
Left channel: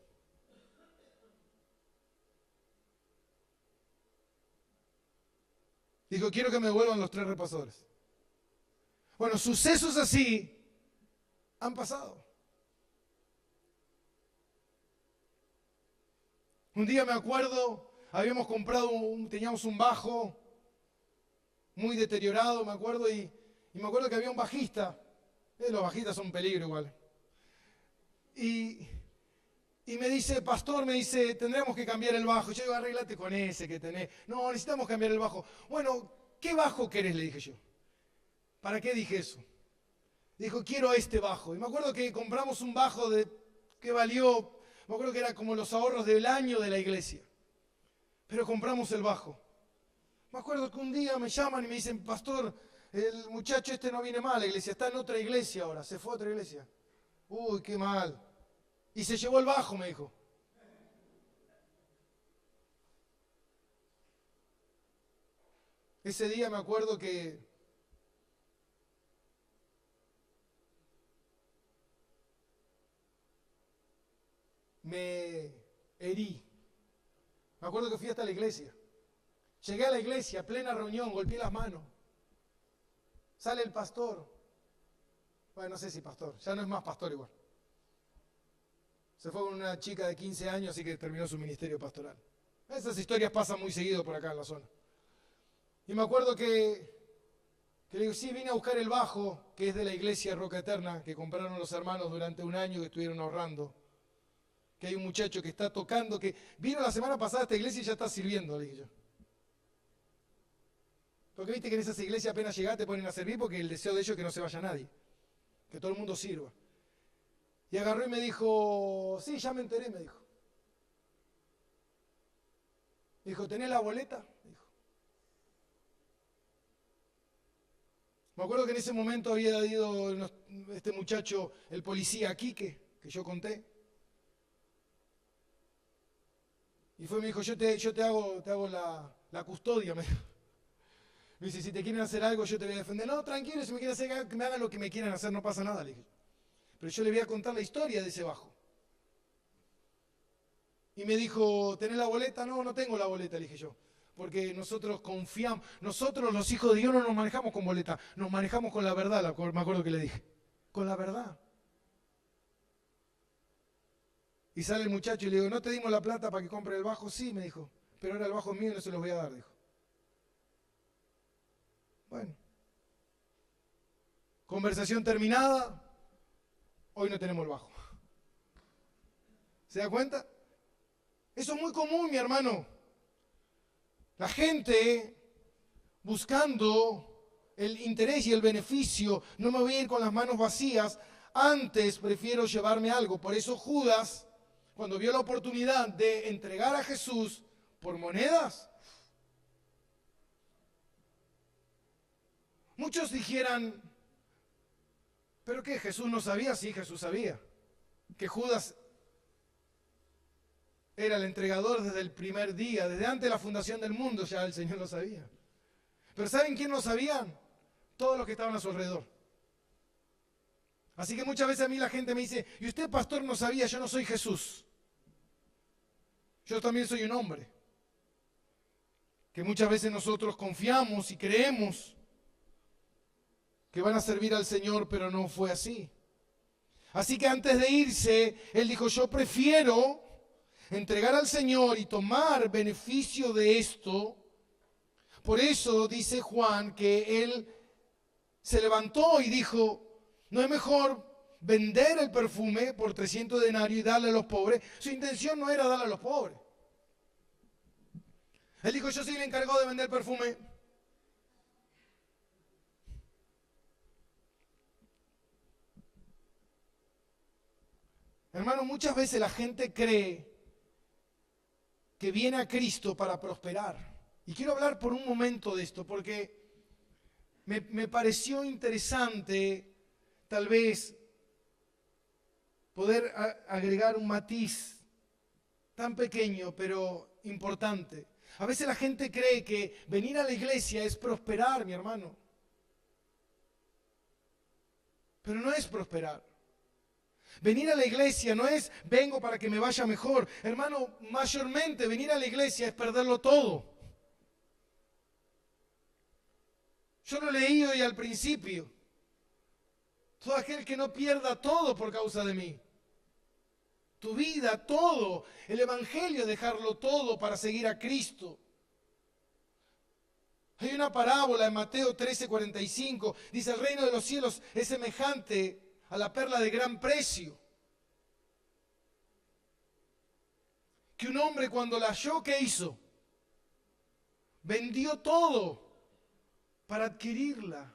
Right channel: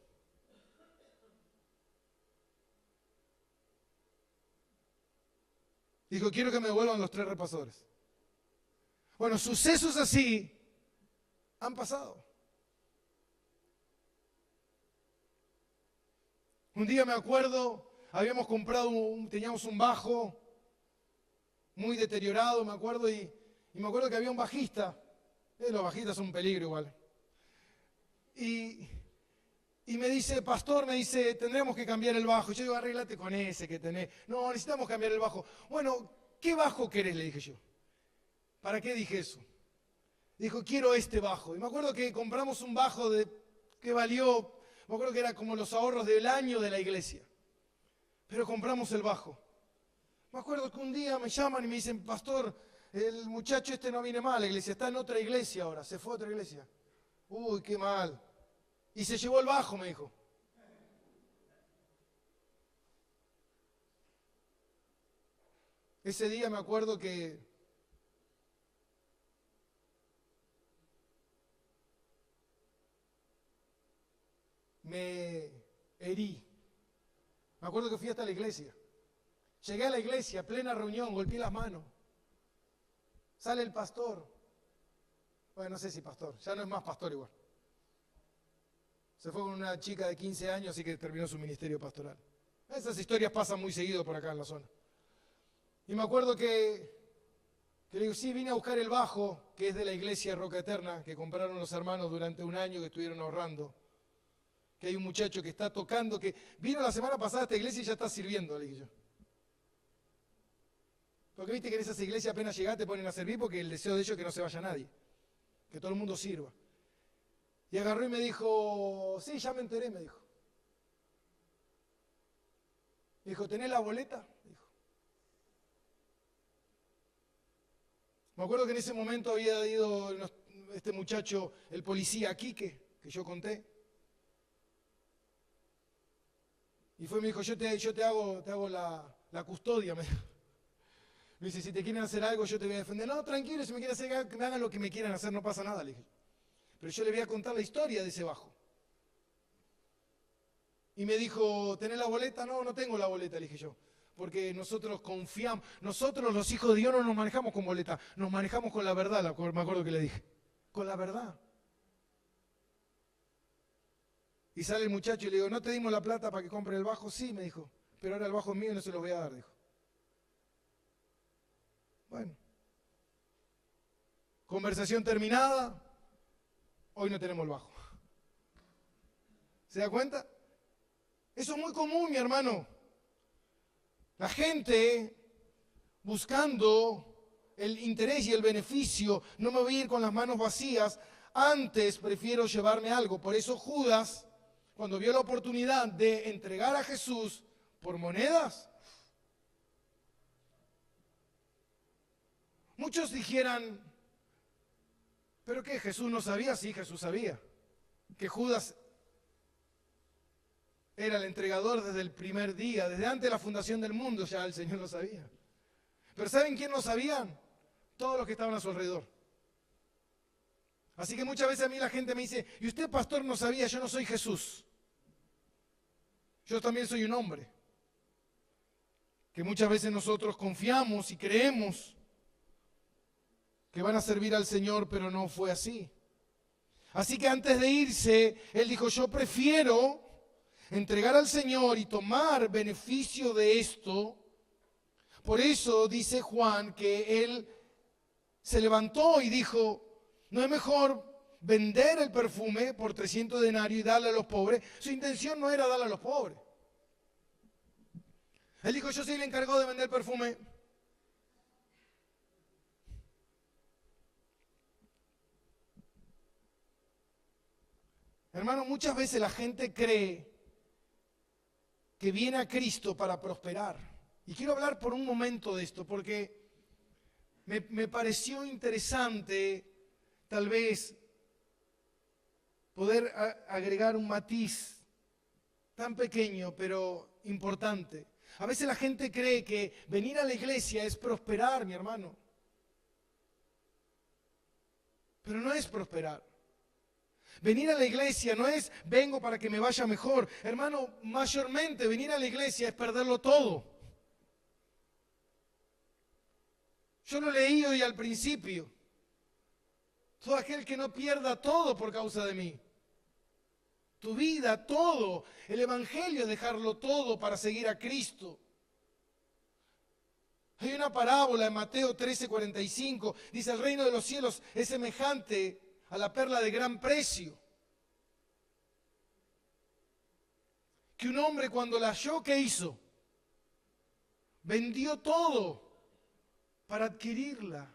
Dijo, quiero que me devuelvan los 3 repasadores. Bueno, sucesos así han pasado. Un día me acuerdo, habíamos comprado, teníamos un bajo muy deteriorado, me acuerdo, y me acuerdo que había un bajista. Los bajistas son un peligro igual. Y me dice, pastor, me dice, tendremos que cambiar el bajo. Yo digo, arréglate con ese que tenés. No, necesitamos cambiar el bajo. Bueno, ¿qué bajo querés? Le dije yo. ¿Para qué dije eso? Dijo, quiero este bajo. Y me acuerdo que compramos un bajo que valió, me acuerdo que era como los ahorros del año de la iglesia. Pero compramos el bajo. Me acuerdo que un día me llaman y me dicen, pastor, el muchacho este no viene más a la iglesia, está en otra iglesia ahora, se fue a otra iglesia. Uy, qué mal. Y se llevó el bajo, me dijo. Ese día me acuerdo que me herí. Me acuerdo que fui hasta la iglesia. Llegué a la iglesia, plena reunión, golpeé las manos. Sale el pastor. Bueno, no sé si pastor, ya no es más pastor igual. Se fue con una chica de 15 años, así que terminó su ministerio pastoral. Esas historias pasan muy seguido por acá en la zona. Y me acuerdo que Yo le digo, sí, vine a buscar el bajo, que es de la iglesia Roca Eterna, que compraron los hermanos durante un año que estuvieron ahorrando. Que hay un muchacho que está tocando, que vino la semana pasada a esta iglesia y ya está sirviendo, le dije yo. Porque viste que en esas iglesias apenas llegás te ponen a servir porque el deseo de ellos es que no se vaya nadie. Que todo el mundo sirva. Y agarró y me dijo, sí, ya me enteré, me dijo. Me dijo, ¿tenés la boleta? Dijo. Me acuerdo que en ese momento había ido este muchacho, el policía Quique, que yo conté. Y fue y me dijo, yo te hago la custodia. Me dice, si te quieren hacer algo, yo te voy a defender. No, tranquilo, si me quieren hacer algo, que me hagan lo que me quieran hacer, no pasa nada, le dije. Pero yo le voy a contar la historia de ese bajo. Y me dijo, ¿tenés la boleta? No, no tengo la boleta, le dije yo. Porque nosotros confiamos, nosotros los hijos de Dios no nos manejamos con boleta, nos manejamos con la verdad, me acuerdo que le dije. Con la verdad. Y sale el muchacho y le digo, ¿no te dimos la plata para que compre el bajo? Sí, me dijo, pero ahora el bajo es mío y no se los voy a dar, dijo. Bueno. Conversación terminada, hoy no tenemos el bajo. ¿Se da cuenta? Eso es muy común, mi hermano. La gente buscando el interés y el beneficio, no me voy a ir con las manos vacías, antes prefiero llevarme algo. Por eso Judas, cuando vio la oportunidad de entregar a Jesús por monedas, muchos dijeran, ¿pero qué? ¿Jesús no sabía? Sí, Jesús sabía. Que Judas era el entregador desde el primer día, desde antes de la fundación del mundo ya el Señor lo sabía. Pero ¿saben quién lo sabían? Todos los que estaban a su alrededor. Así que muchas veces a mí la gente me dice, ¿y usted, pastor, no sabía? Yo no soy Jesús. Yo también soy un hombre. Que muchas veces nosotros confiamos y creemos que van a servir al Señor, pero no fue así. Así que antes de irse, él dijo, yo prefiero entregar al Señor y tomar beneficio de esto. Por eso dice Juan que él se levantó y dijo, ¿no es mejor vender el perfume por 300 denarios y darle a los pobres? Su intención no era darle a los pobres. Él dijo, yo soy el encargado de vender perfume. Hermano, muchas veces la gente cree que viene a Cristo para prosperar. Y quiero hablar por un momento de esto, porque me pareció interesante, tal vez, poder agregar un matiz tan pequeño, pero importante. A veces la gente cree que venir a la iglesia es prosperar, mi hermano. Pero no es prosperar. Venir a la iglesia no es vengo para que me vaya mejor. Hermano, mayormente venir a la iglesia es perderlo todo. Yo lo leí hoy al principio. Todo aquel que no pierda todo por causa de mí. Tu vida, todo. El evangelio es dejarlo todo para seguir a Cristo. Hay una parábola en Mateo 13:45. Dice, el reino de los cielos es semejante a la perla de gran precio. Que un hombre cuando la halló, ¿qué hizo? Vendió todo para adquirirla.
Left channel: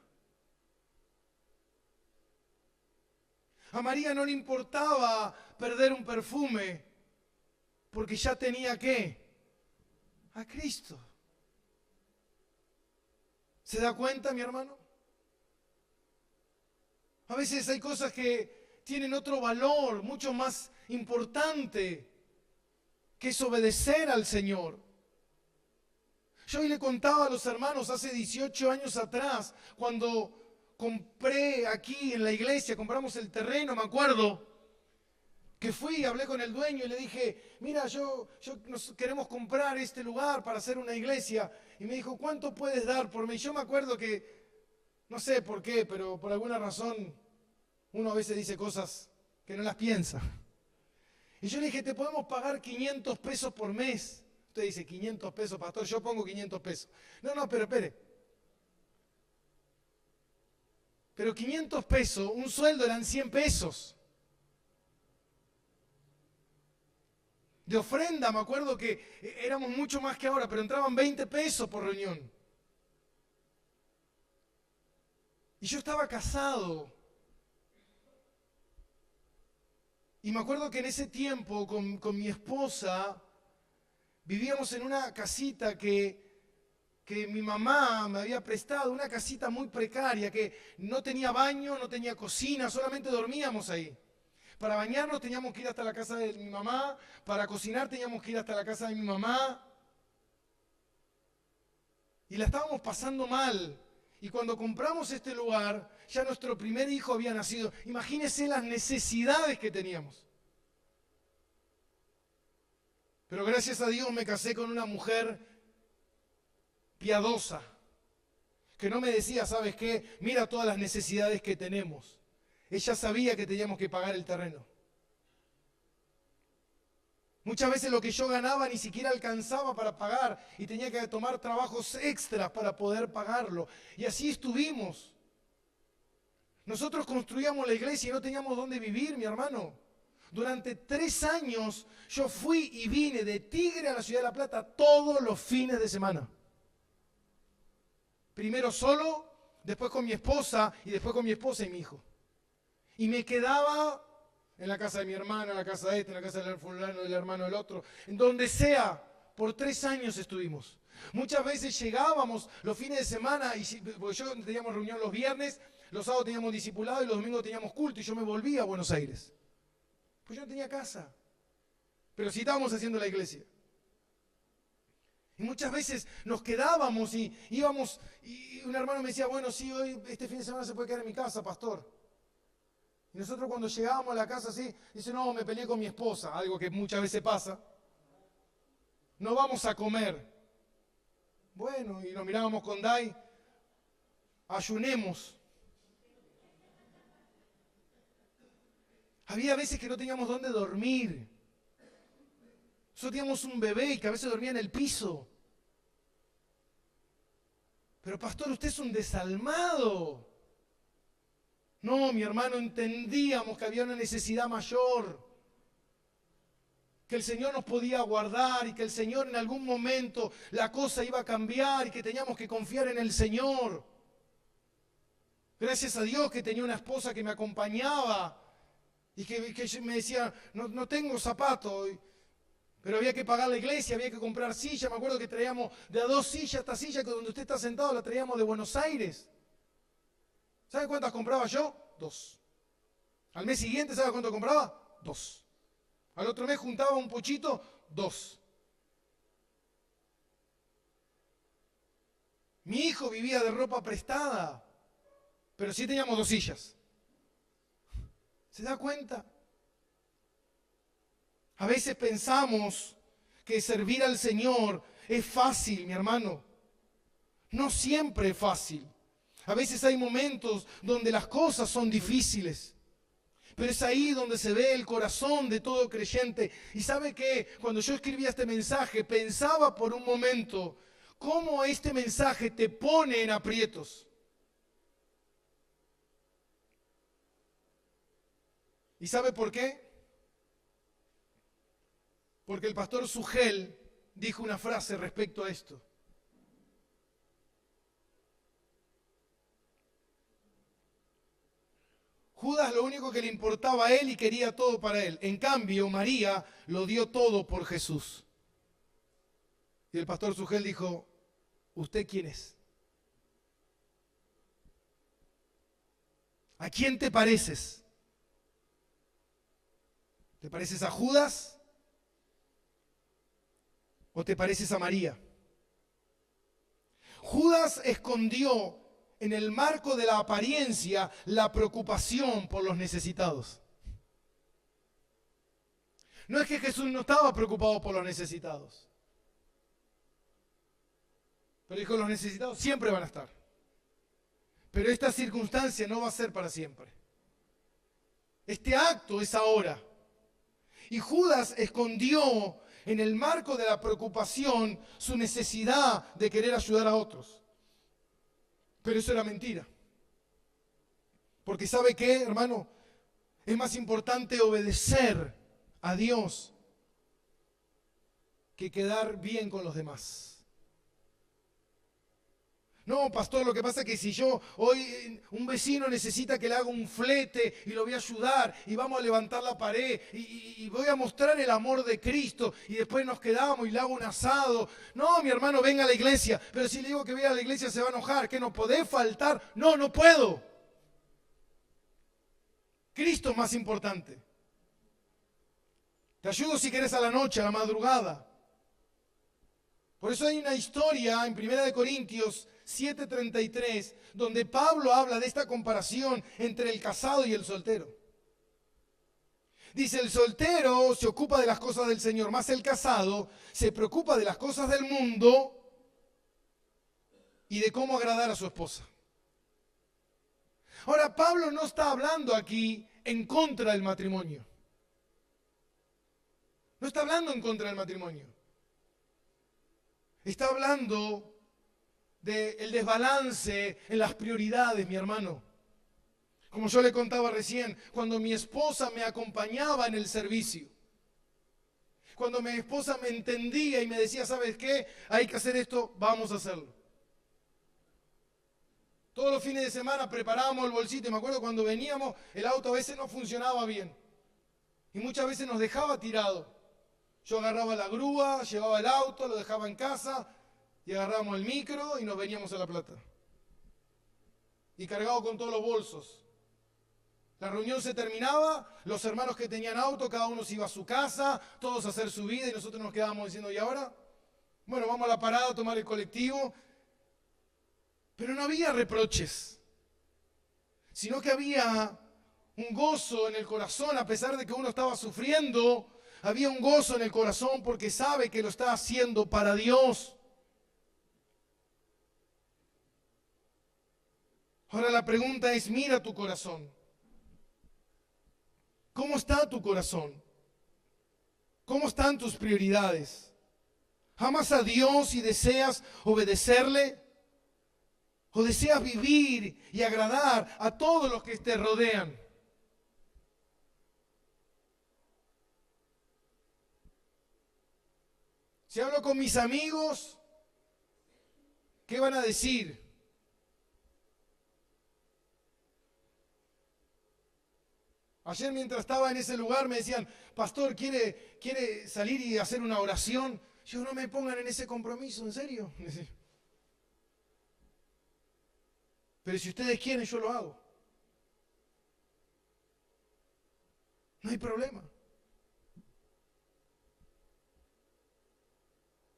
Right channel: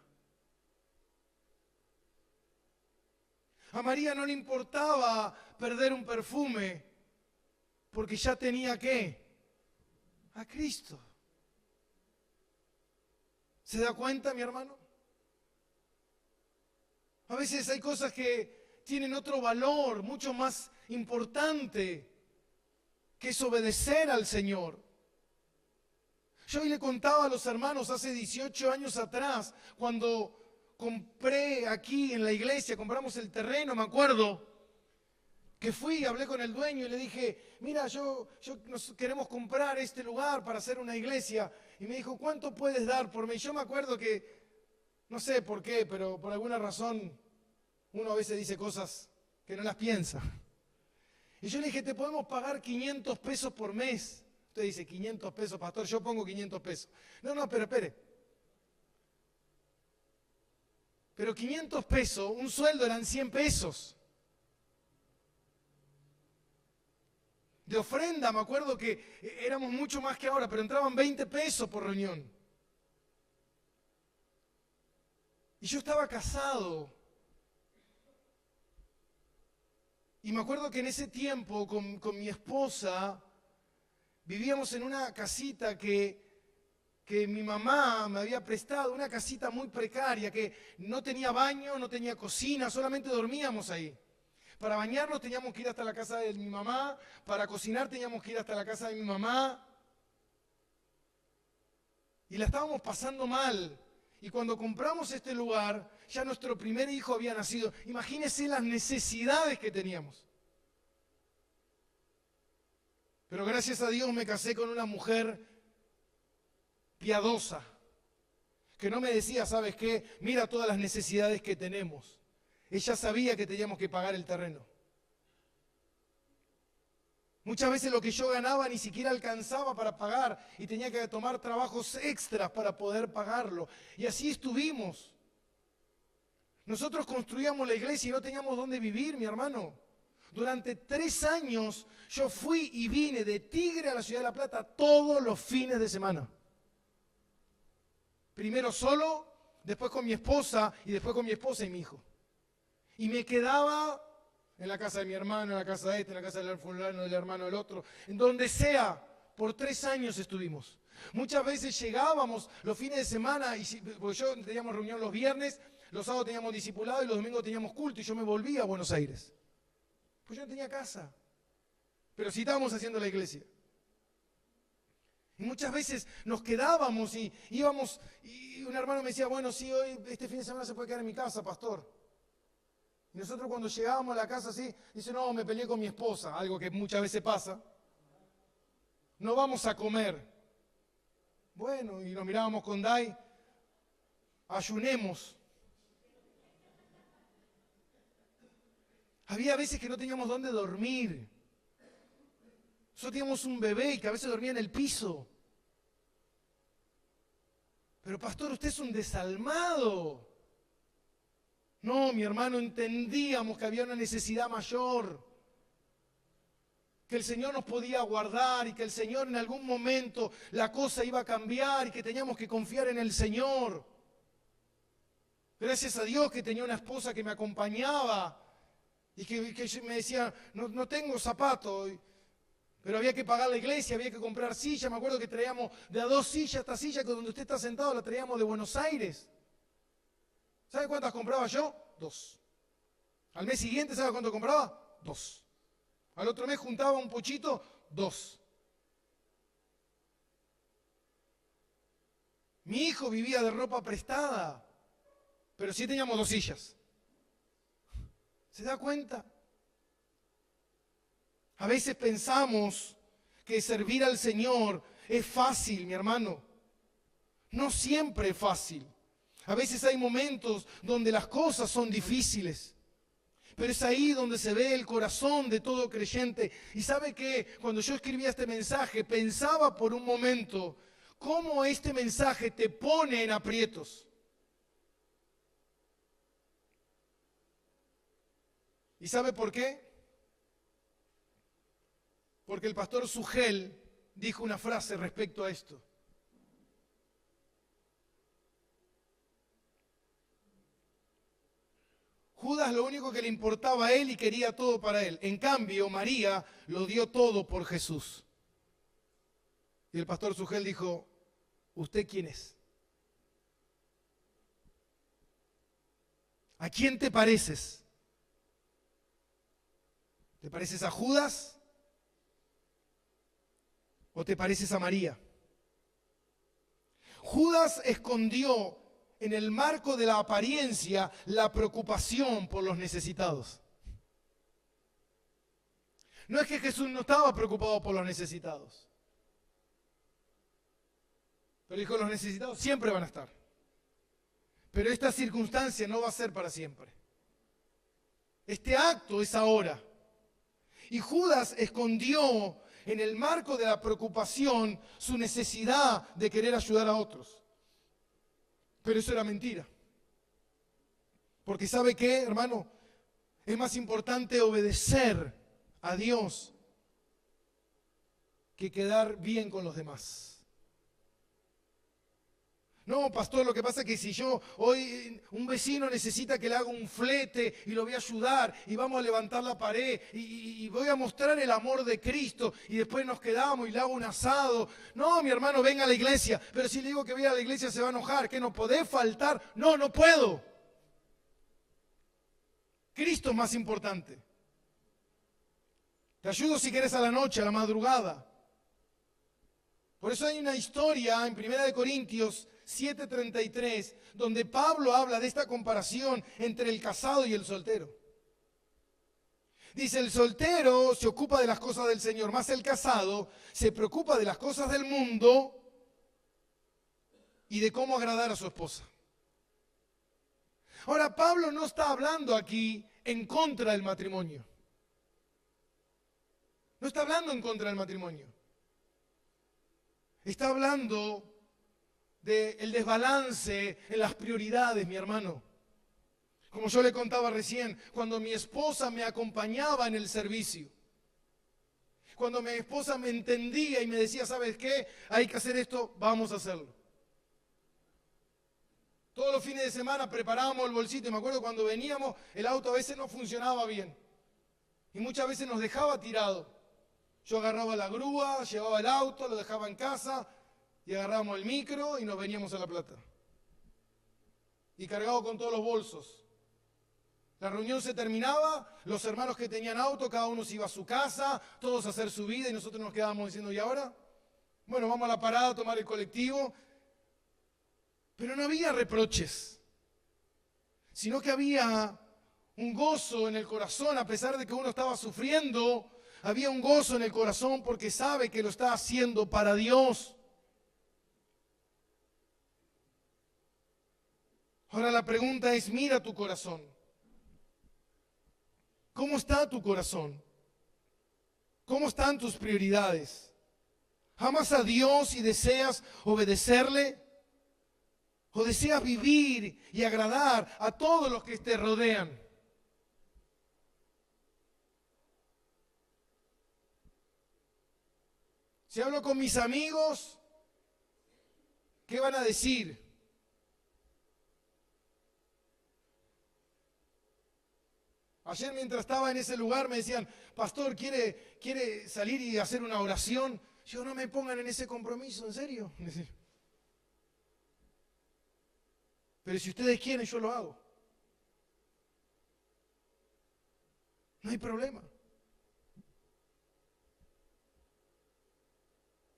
A María no le importaba perder un perfume porque ya tenía ¿qué? A Cristo. ¿Se da cuenta, mi hermano? A veces hay cosas que tienen otro valor, mucho más importante, que es obedecer al Señor. Yo hoy le contaba a los hermanos hace 18 años atrás, cuando compré aquí en la iglesia, compramos el terreno, me acuerdo, que fui y hablé con el dueño y le dije, mira, nos queremos comprar este lugar para hacer una iglesia. Y me dijo, ¿cuánto puedes dar por mí? Yo me acuerdo que, no sé por qué, pero por alguna razón uno a veces dice cosas que no las piensa. Y yo le dije, te podemos pagar 500 pesos por mes. Usted dice, 500 pesos, pastor, yo pongo 500 pesos. No, pero espere. Pero 500 pesos, un sueldo eran 100 pesos. De ofrenda, me acuerdo que éramos mucho más que ahora, pero entraban 20 pesos por reunión. Y yo estaba casado. Y me acuerdo que en ese tiempo con mi esposa vivíamos en una casita que mi mamá me había prestado, una casita muy precaria, que no tenía baño, no tenía cocina, solamente dormíamos ahí. Para bañarnos teníamos que ir hasta la casa de mi mamá, para cocinar teníamos que ir hasta la casa de mi mamá. Y la estábamos pasando mal. Y cuando compramos este lugar, ya nuestro primer hijo había nacido. Imagínense las necesidades que teníamos. Pero gracias a Dios me casé con una mujer piadosa, que no me decía, ¿sabes qué? Mira todas las necesidades que tenemos. Ella sabía que teníamos que pagar el terreno. Muchas veces lo que yo ganaba ni siquiera alcanzaba para pagar y tenía que tomar trabajos extras para poder pagarlo. Y así estuvimos. Nosotros construíamos la iglesia y no teníamos dónde vivir, mi hermano. Durante 3 años yo fui y vine de Tigre a la Ciudad de La Plata todos los fines de semana. Primero solo, después con mi esposa y después con mi esposa y mi hijo. Y me quedaba en la casa de mi hermano, en la casa de este, en la casa del fulano, del hermano del otro, en donde sea. Por 3 años estuvimos. Muchas veces llegábamos los fines de semana, porque yo teníamos reunión los viernes, los sábados teníamos discipulado y los domingos teníamos culto y yo me volvía a Buenos Aires. Pues yo no tenía casa, pero sí estábamos haciendo la iglesia. Y muchas veces nos quedábamos y íbamos, y un hermano me decía, bueno, sí, hoy, este fin de semana se puede quedar en mi casa, pastor. Y nosotros cuando llegábamos a la casa así, dice, no, me peleé con mi esposa, algo que muchas veces pasa. No vamos a comer. Bueno, y nos mirábamos con Dai, ayunemos. Había veces que no teníamos dónde dormir. Nosotros teníamos un bebé que a veces dormía en el piso. Pero pastor, usted es un desalmado. No, mi hermano, entendíamos que había una necesidad mayor. Que el Señor nos podía guardar y que el Señor en algún momento la cosa iba a cambiar y que teníamos que confiar en el Señor. Gracias a Dios que tenía una esposa que me acompañaba y que me decía, no tengo zapatos. Pero había que pagar la iglesia, había que comprar sillas. Me acuerdo que traíamos de a 2 sillas, esta silla que donde usted está sentado la traíamos de Buenos Aires. ¿Sabe cuántas compraba yo? 2. Al mes siguiente, ¿sabe cuánto compraba? 2. Al otro mes juntaba un puchito, 2. Mi hijo vivía de ropa prestada, pero sí teníamos 2 sillas. ¿Se da cuenta? A veces pensamos que servir al Señor es fácil, mi hermano. No siempre es fácil. A veces hay momentos donde las cosas son difíciles. Pero es ahí donde se ve el corazón de todo creyente. Y sabe que cuando yo escribía este mensaje, pensaba por un momento cómo este mensaje te pone en aprietos. ¿Y sabe por qué? Porque el pastor Sugel dijo una frase respecto a esto. Judas lo único que le importaba a él y quería todo para él. En cambio, María lo dio todo por Jesús. Y el pastor Sugel dijo, ¿usted quién es? ¿A quién te pareces? ¿Te pareces a Judas? ¿O te pareces a María? Judas escondió en el marco de la apariencia la preocupación por los necesitados. No es que Jesús no estaba preocupado por los necesitados. Pero dijo, los necesitados siempre van a estar. Pero esta circunstancia no va a ser para siempre. Este acto es ahora. Y Judas escondió en el marco de la preocupación su necesidad de querer ayudar a otros. Pero eso era mentira. Porque ¿sabe qué, hermano? Es más importante obedecer a Dios que quedar bien con los demás. No, pastor, lo que pasa es que si yo hoy un vecino necesita que le haga un flete y lo voy a ayudar y vamos a levantar la pared y voy a mostrar el amor de Cristo y después nos quedamos y le hago un asado. No, mi hermano, venga a la iglesia, pero si le digo que venga a la iglesia se va a enojar, que no podés faltar. No, no puedo. Cristo es más importante. Te ayudo si querés a la noche, a la madrugada. Por eso hay una historia en 1 Corintios 7:33, donde Pablo habla de esta comparación entre el casado y el soltero. Dice, el soltero se ocupa de las cosas del Señor, más el casado se preocupa de las cosas del mundo y de cómo agradar a su esposa. Ahora, Pablo no está hablando aquí en contra del matrimonio. No está hablando en contra del matrimonio. Está hablando del desbalance en las prioridades, mi hermano. Como yo le contaba recién, cuando mi esposa me acompañaba en el servicio, cuando mi esposa me entendía y me decía, ¿sabes qué? Hay que hacer esto, vamos a hacerlo. Todos los fines de semana preparábamos el bolsito. Me acuerdo cuando veníamos, el auto a veces no funcionaba bien. Y muchas veces nos dejaba tirado. Yo agarraba la grúa, llevaba el auto, lo dejaba en casa y agarrábamos el micro y nos veníamos a La Plata. Y cargado con todos los bolsos. La reunión se terminaba, los hermanos que tenían auto, cada uno se iba a su casa, todos a hacer su vida y nosotros nos quedábamos diciendo, ¿y ahora? Bueno, vamos a la parada a tomar el colectivo. Pero no había reproches, sino que había un gozo en el corazón, a pesar de que uno estaba sufriendo, había un gozo en el corazón porque sabe que lo está haciendo para Dios. Ahora la pregunta es, mira tu corazón. ¿Cómo está tu corazón? ¿Cómo están tus prioridades? ¿Amas a Dios y deseas obedecerle? ¿O deseas vivir y agradar a todos los que te rodean? Si hablo con mis amigos, ¿qué van a decir? Ayer mientras estaba en ese lugar me decían, pastor, ¿quiere salir y hacer una oración? Yo, no me pongan en ese compromiso, ¿en serio? Pero si ustedes quieren, yo lo hago. No hay problema.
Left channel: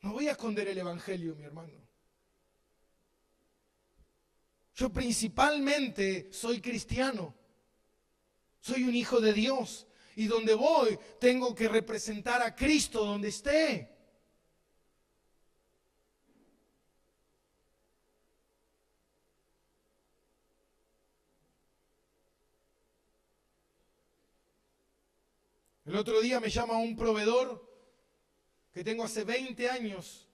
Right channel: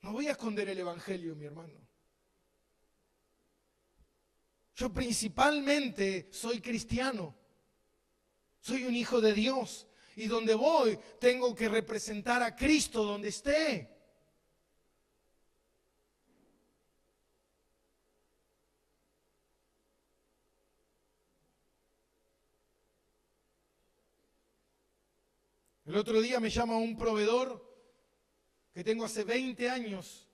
No voy a esconder el evangelio, mi hermano. Yo principalmente soy cristiano. Soy un hijo de Dios. Y donde voy, tengo que representar a Cristo donde esté. El otro día me llama un proveedor que tengo hace 20 años,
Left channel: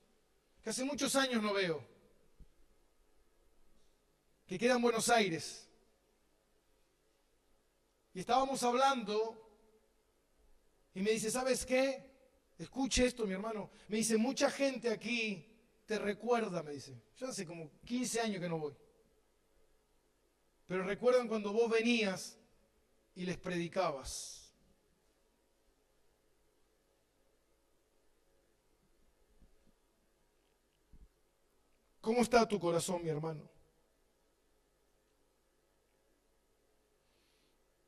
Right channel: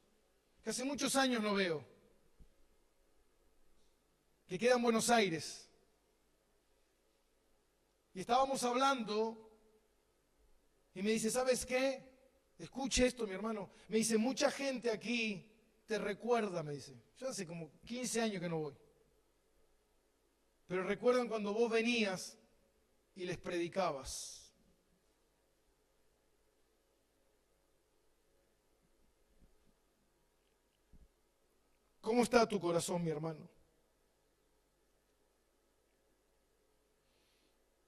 que hace muchos años no veo, que queda en Buenos Aires. Y estábamos hablando y me dice, ¿sabes qué? Escuche esto, mi hermano. Me dice, mucha gente aquí te recuerda, me dice. Yo hace como 15 años que no voy. Pero recuerdan cuando vos venías y les predicabas. ¿Cómo está tu corazón, mi hermano?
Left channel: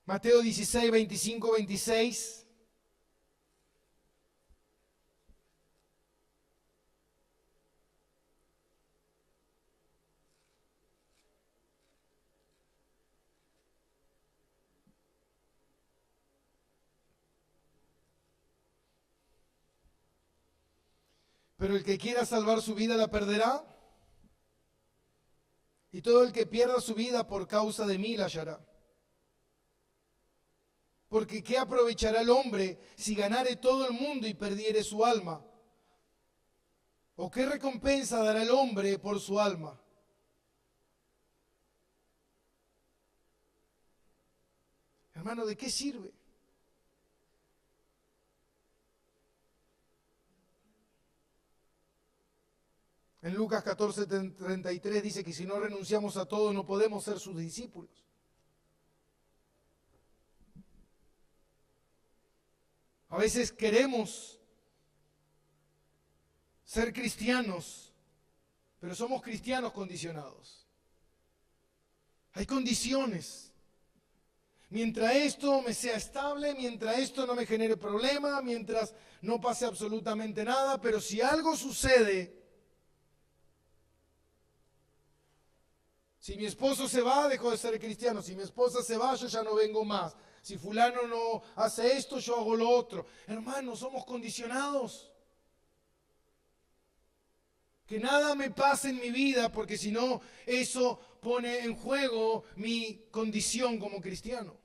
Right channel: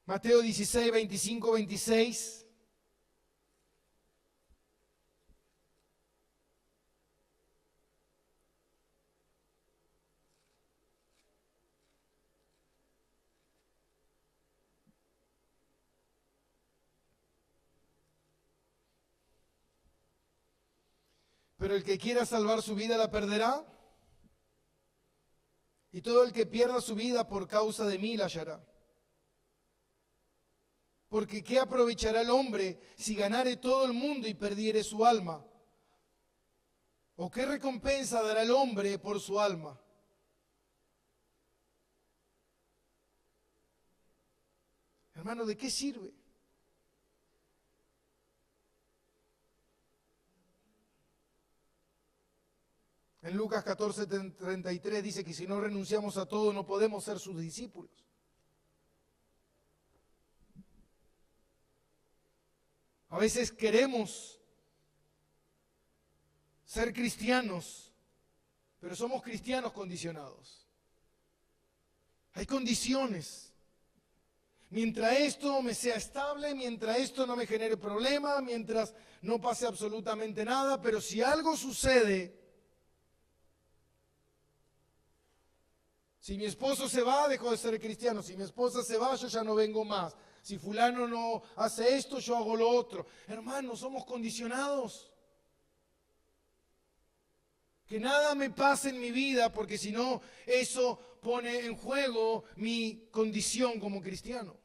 Mateo 16, 25, 26. Pero el que quiera salvar su vida la perderá. Y todo el que pierda su vida por causa de mí la hallará. Porque ¿qué aprovechará el hombre si ganare todo el mundo y perdiere su alma? ¿O qué recompensa dará el hombre por su alma? Hermano, ¿de qué sirve? En Lucas 14:33 dice que si no renunciamos a todo no podemos ser sus discípulos. A veces queremos ser cristianos, pero somos cristianos condicionados. Hay condiciones. Mientras esto me sea estable, mientras esto no me genere problema, mientras no pase absolutamente nada, pero si algo sucede, si mi esposo se va, dejo de ser cristiano. Si mi esposa se va, yo ya no vengo más. Si fulano no hace esto, yo hago lo otro. Hermanos, somos condicionados. Que nada me pase en mi vida, porque si no, eso pone en juego mi condición como cristiano.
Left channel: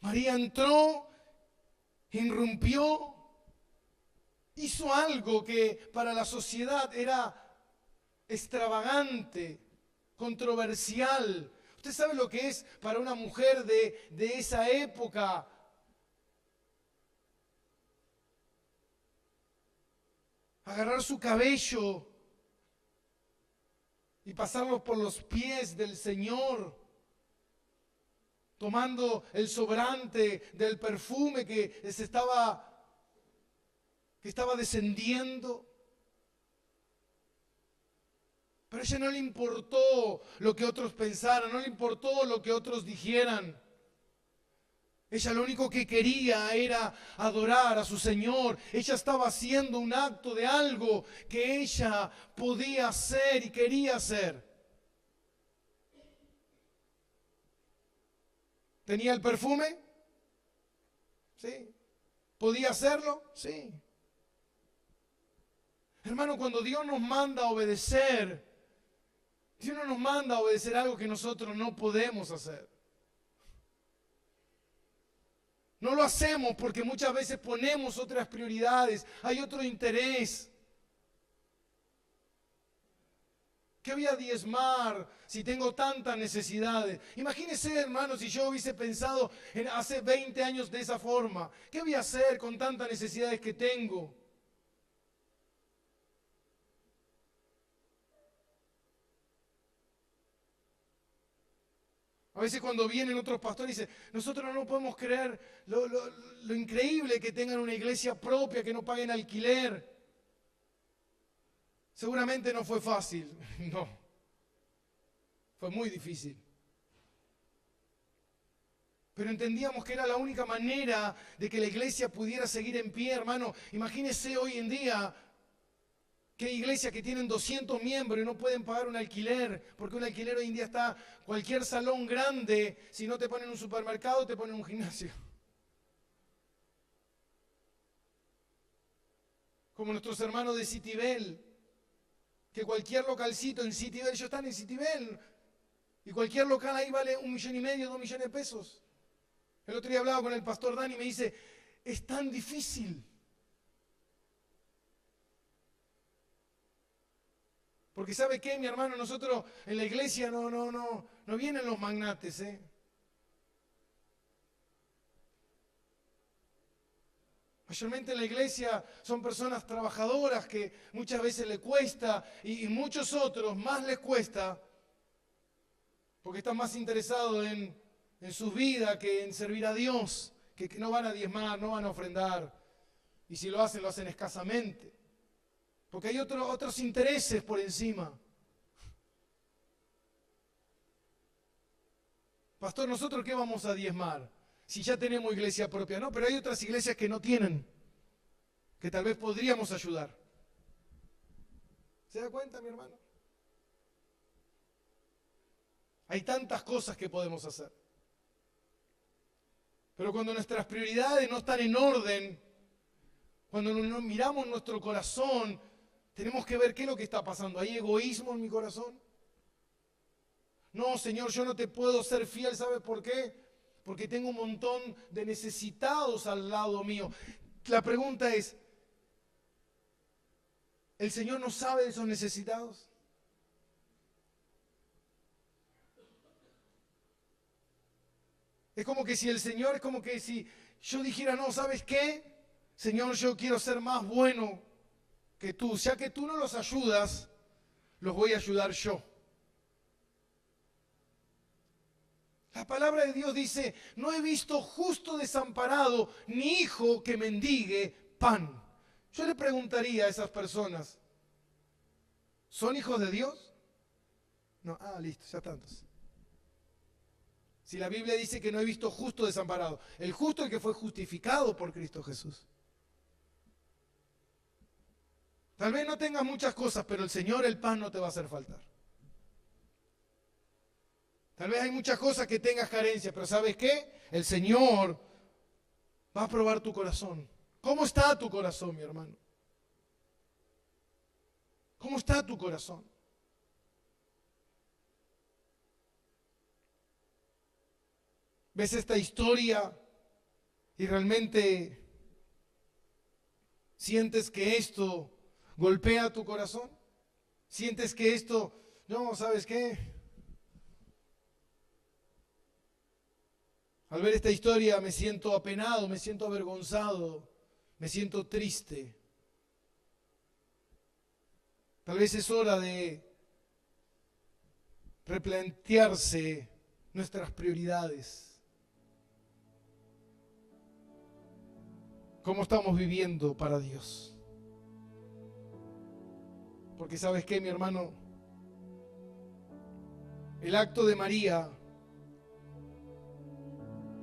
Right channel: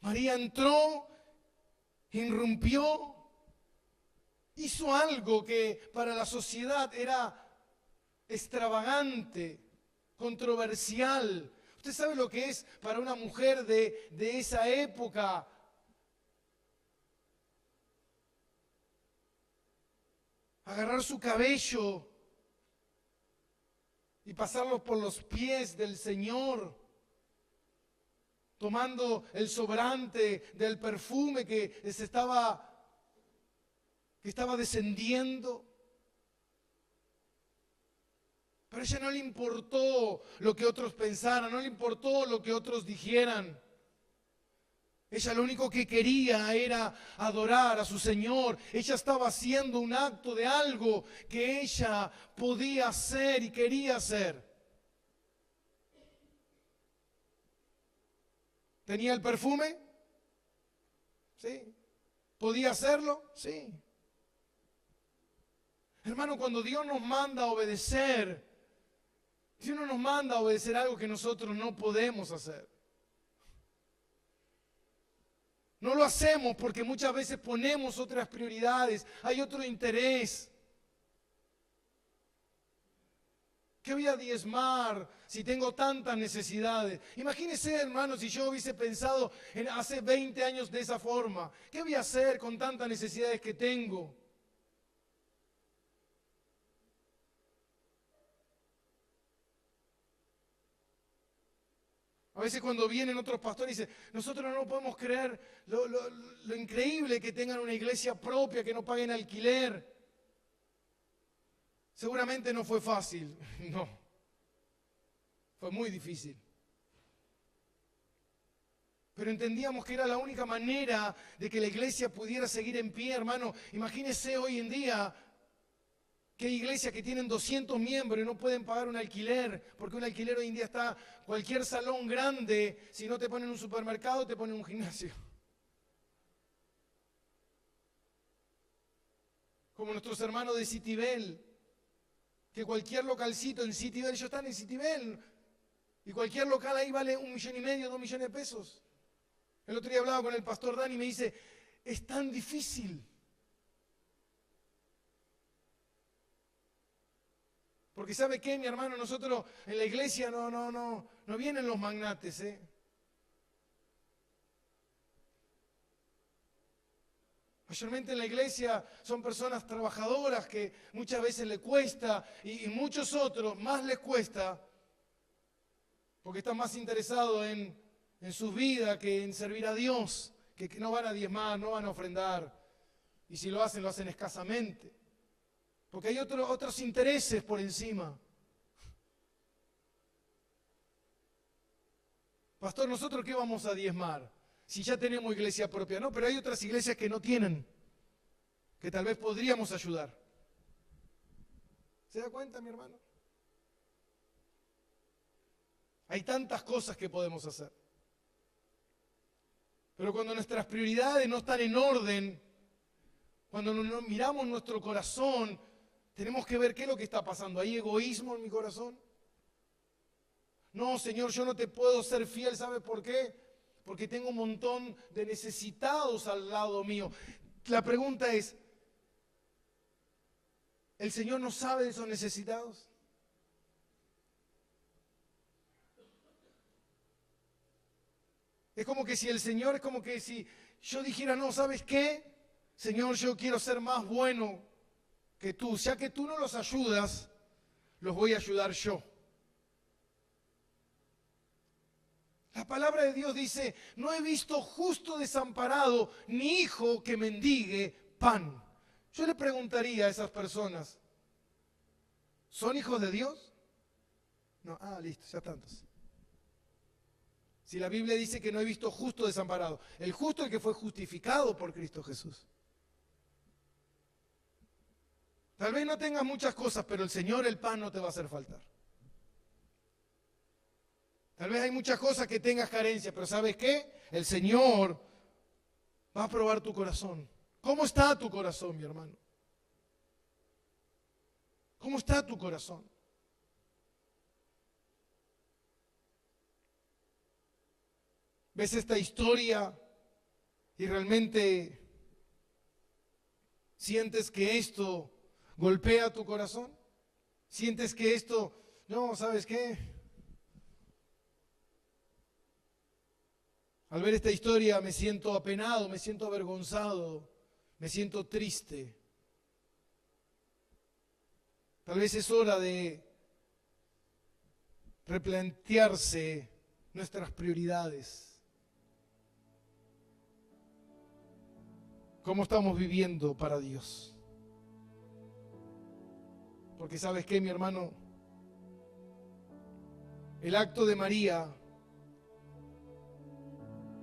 María entró, irrumpió, hizo algo que para la sociedad era extravagante, controversial. ¿Usted sabe lo que es para una mujer de esa época? Agarrar su cabello y pasarlo por los pies del Señor, tomando el sobrante del perfume que estaba descendiendo. Pero a ella no le importó lo que otros pensaran, no le importó lo que otros dijeran. Ella lo único que quería era adorar a su Señor. Ella estaba haciendo un acto de algo que ella podía hacer y quería hacer. ¿Tenía el perfume? Sí. ¿Podía hacerlo? Sí. Hermano, cuando Dios nos manda a obedecer, Dios no nos manda a obedecer algo que nosotros no podemos hacer. No lo hacemos porque muchas veces ponemos otras prioridades, hay otro interés. ¿Qué voy a diezmar si tengo tantas necesidades? Imagínense, hermano, si yo hubiese pensado hace 20 años de esa forma. ¿Qué voy a hacer con tantas necesidades que tengo? A veces cuando vienen otros pastores dicen, nosotros no podemos creer lo increíble que tengan una iglesia propia, que no paguen alquiler. Seguramente no fue fácil, no. Fue muy difícil. Pero entendíamos que era la única manera de que la iglesia pudiera seguir en pie, hermano. Imagínese hoy en día que hay iglesias que tienen 200 miembros y no pueden pagar un alquiler, porque un alquiler hoy en día está, cualquier salón grande, si no te ponen un supermercado, te ponen un gimnasio. Como nuestros hermanos de Citibel, que cualquier localcito en Citibel, ellos están en Citibel, y cualquier local ahí vale 1,5 millones, 2 millones de pesos. El otro día hablaba con el pastor Dani y me dice, es tan difícil. Porque ¿sabe qué, mi hermano? Nosotros en la iglesia no vienen los magnates, ¿eh? Mayormente en la iglesia son personas trabajadoras que muchas veces les cuesta y muchos otros más les cuesta porque están más interesados en sus vidas que en servir a Dios, que no van a diezmar, no van a ofrendar. Y si lo hacen escasamente. Porque hay otros intereses por encima. Pastor, ¿nosotros qué vamos a diezmar? Si ya tenemos iglesia propia, no, pero hay otras iglesias que no tienen, que tal vez podríamos ayudar. ¿Se da cuenta, mi hermano? Hay tantas cosas que podemos hacer. Pero cuando nuestras prioridades no están en orden, cuando miramos nuestro corazón, tenemos que ver qué es lo que está pasando. ¿Hay egoísmo en mi corazón? No, Señor, yo no te puedo ser fiel, ¿sabes por qué? Porque tengo un montón de necesitados al lado mío. La pregunta es, ¿el Señor no sabe de esos necesitados? Es como que si el Señor, es como que si yo dijera, no, ¿sabes qué? Señor, yo quiero ser más bueno que tú. Ya que tú no los ayudas, los voy a ayudar yo. La palabra de Dios dice, no he visto justo desamparado, ni hijo que mendigue pan. Yo le preguntaría a esas personas, ¿son hijos de Dios? No, listo, ya tantos. Si la Biblia dice que no he visto justo desamparado, el justo es el que fue justificado por Cristo Jesús. Tal vez no tengas muchas cosas, pero el Señor, el pan, no te va a hacer faltar. Tal vez hay muchas cosas que tengas carencia, pero ¿sabes qué? El Señor va a probar tu corazón. ¿Cómo está tu corazón, mi hermano? ¿Cómo está tu corazón? ¿Ves esta historia y realmente sientes que esto golpea tu corazón? ¿Sientes que esto, no, ¿sabes qué? Al ver esta historia me siento apenado, me siento avergonzado, me siento triste. Tal vez es hora de replantearse nuestras prioridades. ¿Cómo estamos viviendo para Dios? Porque ¿sabes qué, mi hermano? El acto de María,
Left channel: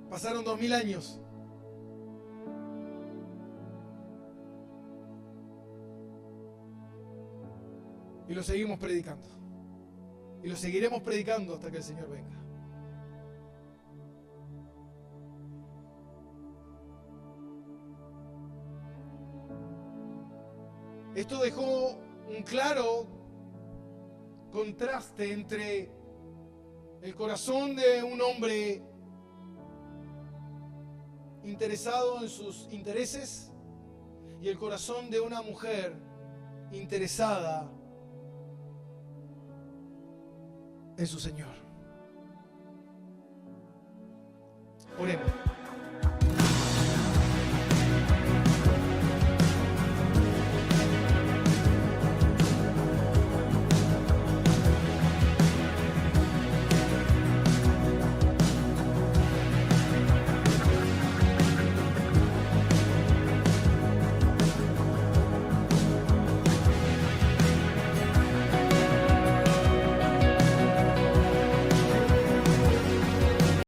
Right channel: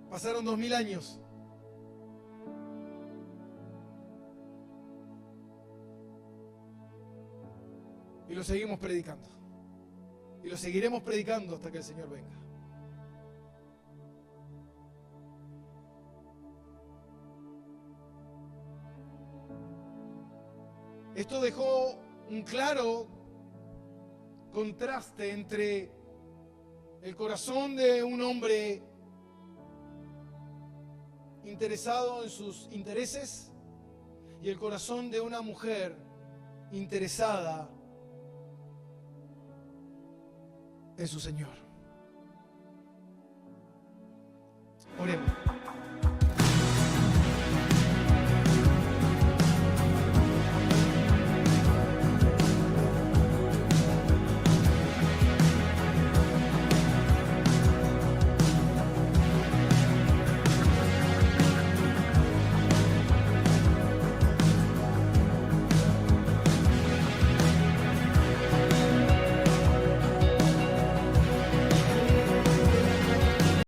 pasaron 2000 años. Y lo seguimos predicando. Y lo seguiremos predicando hasta que el Señor venga. Esto dejó un claro contraste entre el corazón de un hombre interesado en sus intereses y el corazón de una mujer interesada en su Señor. Oremos.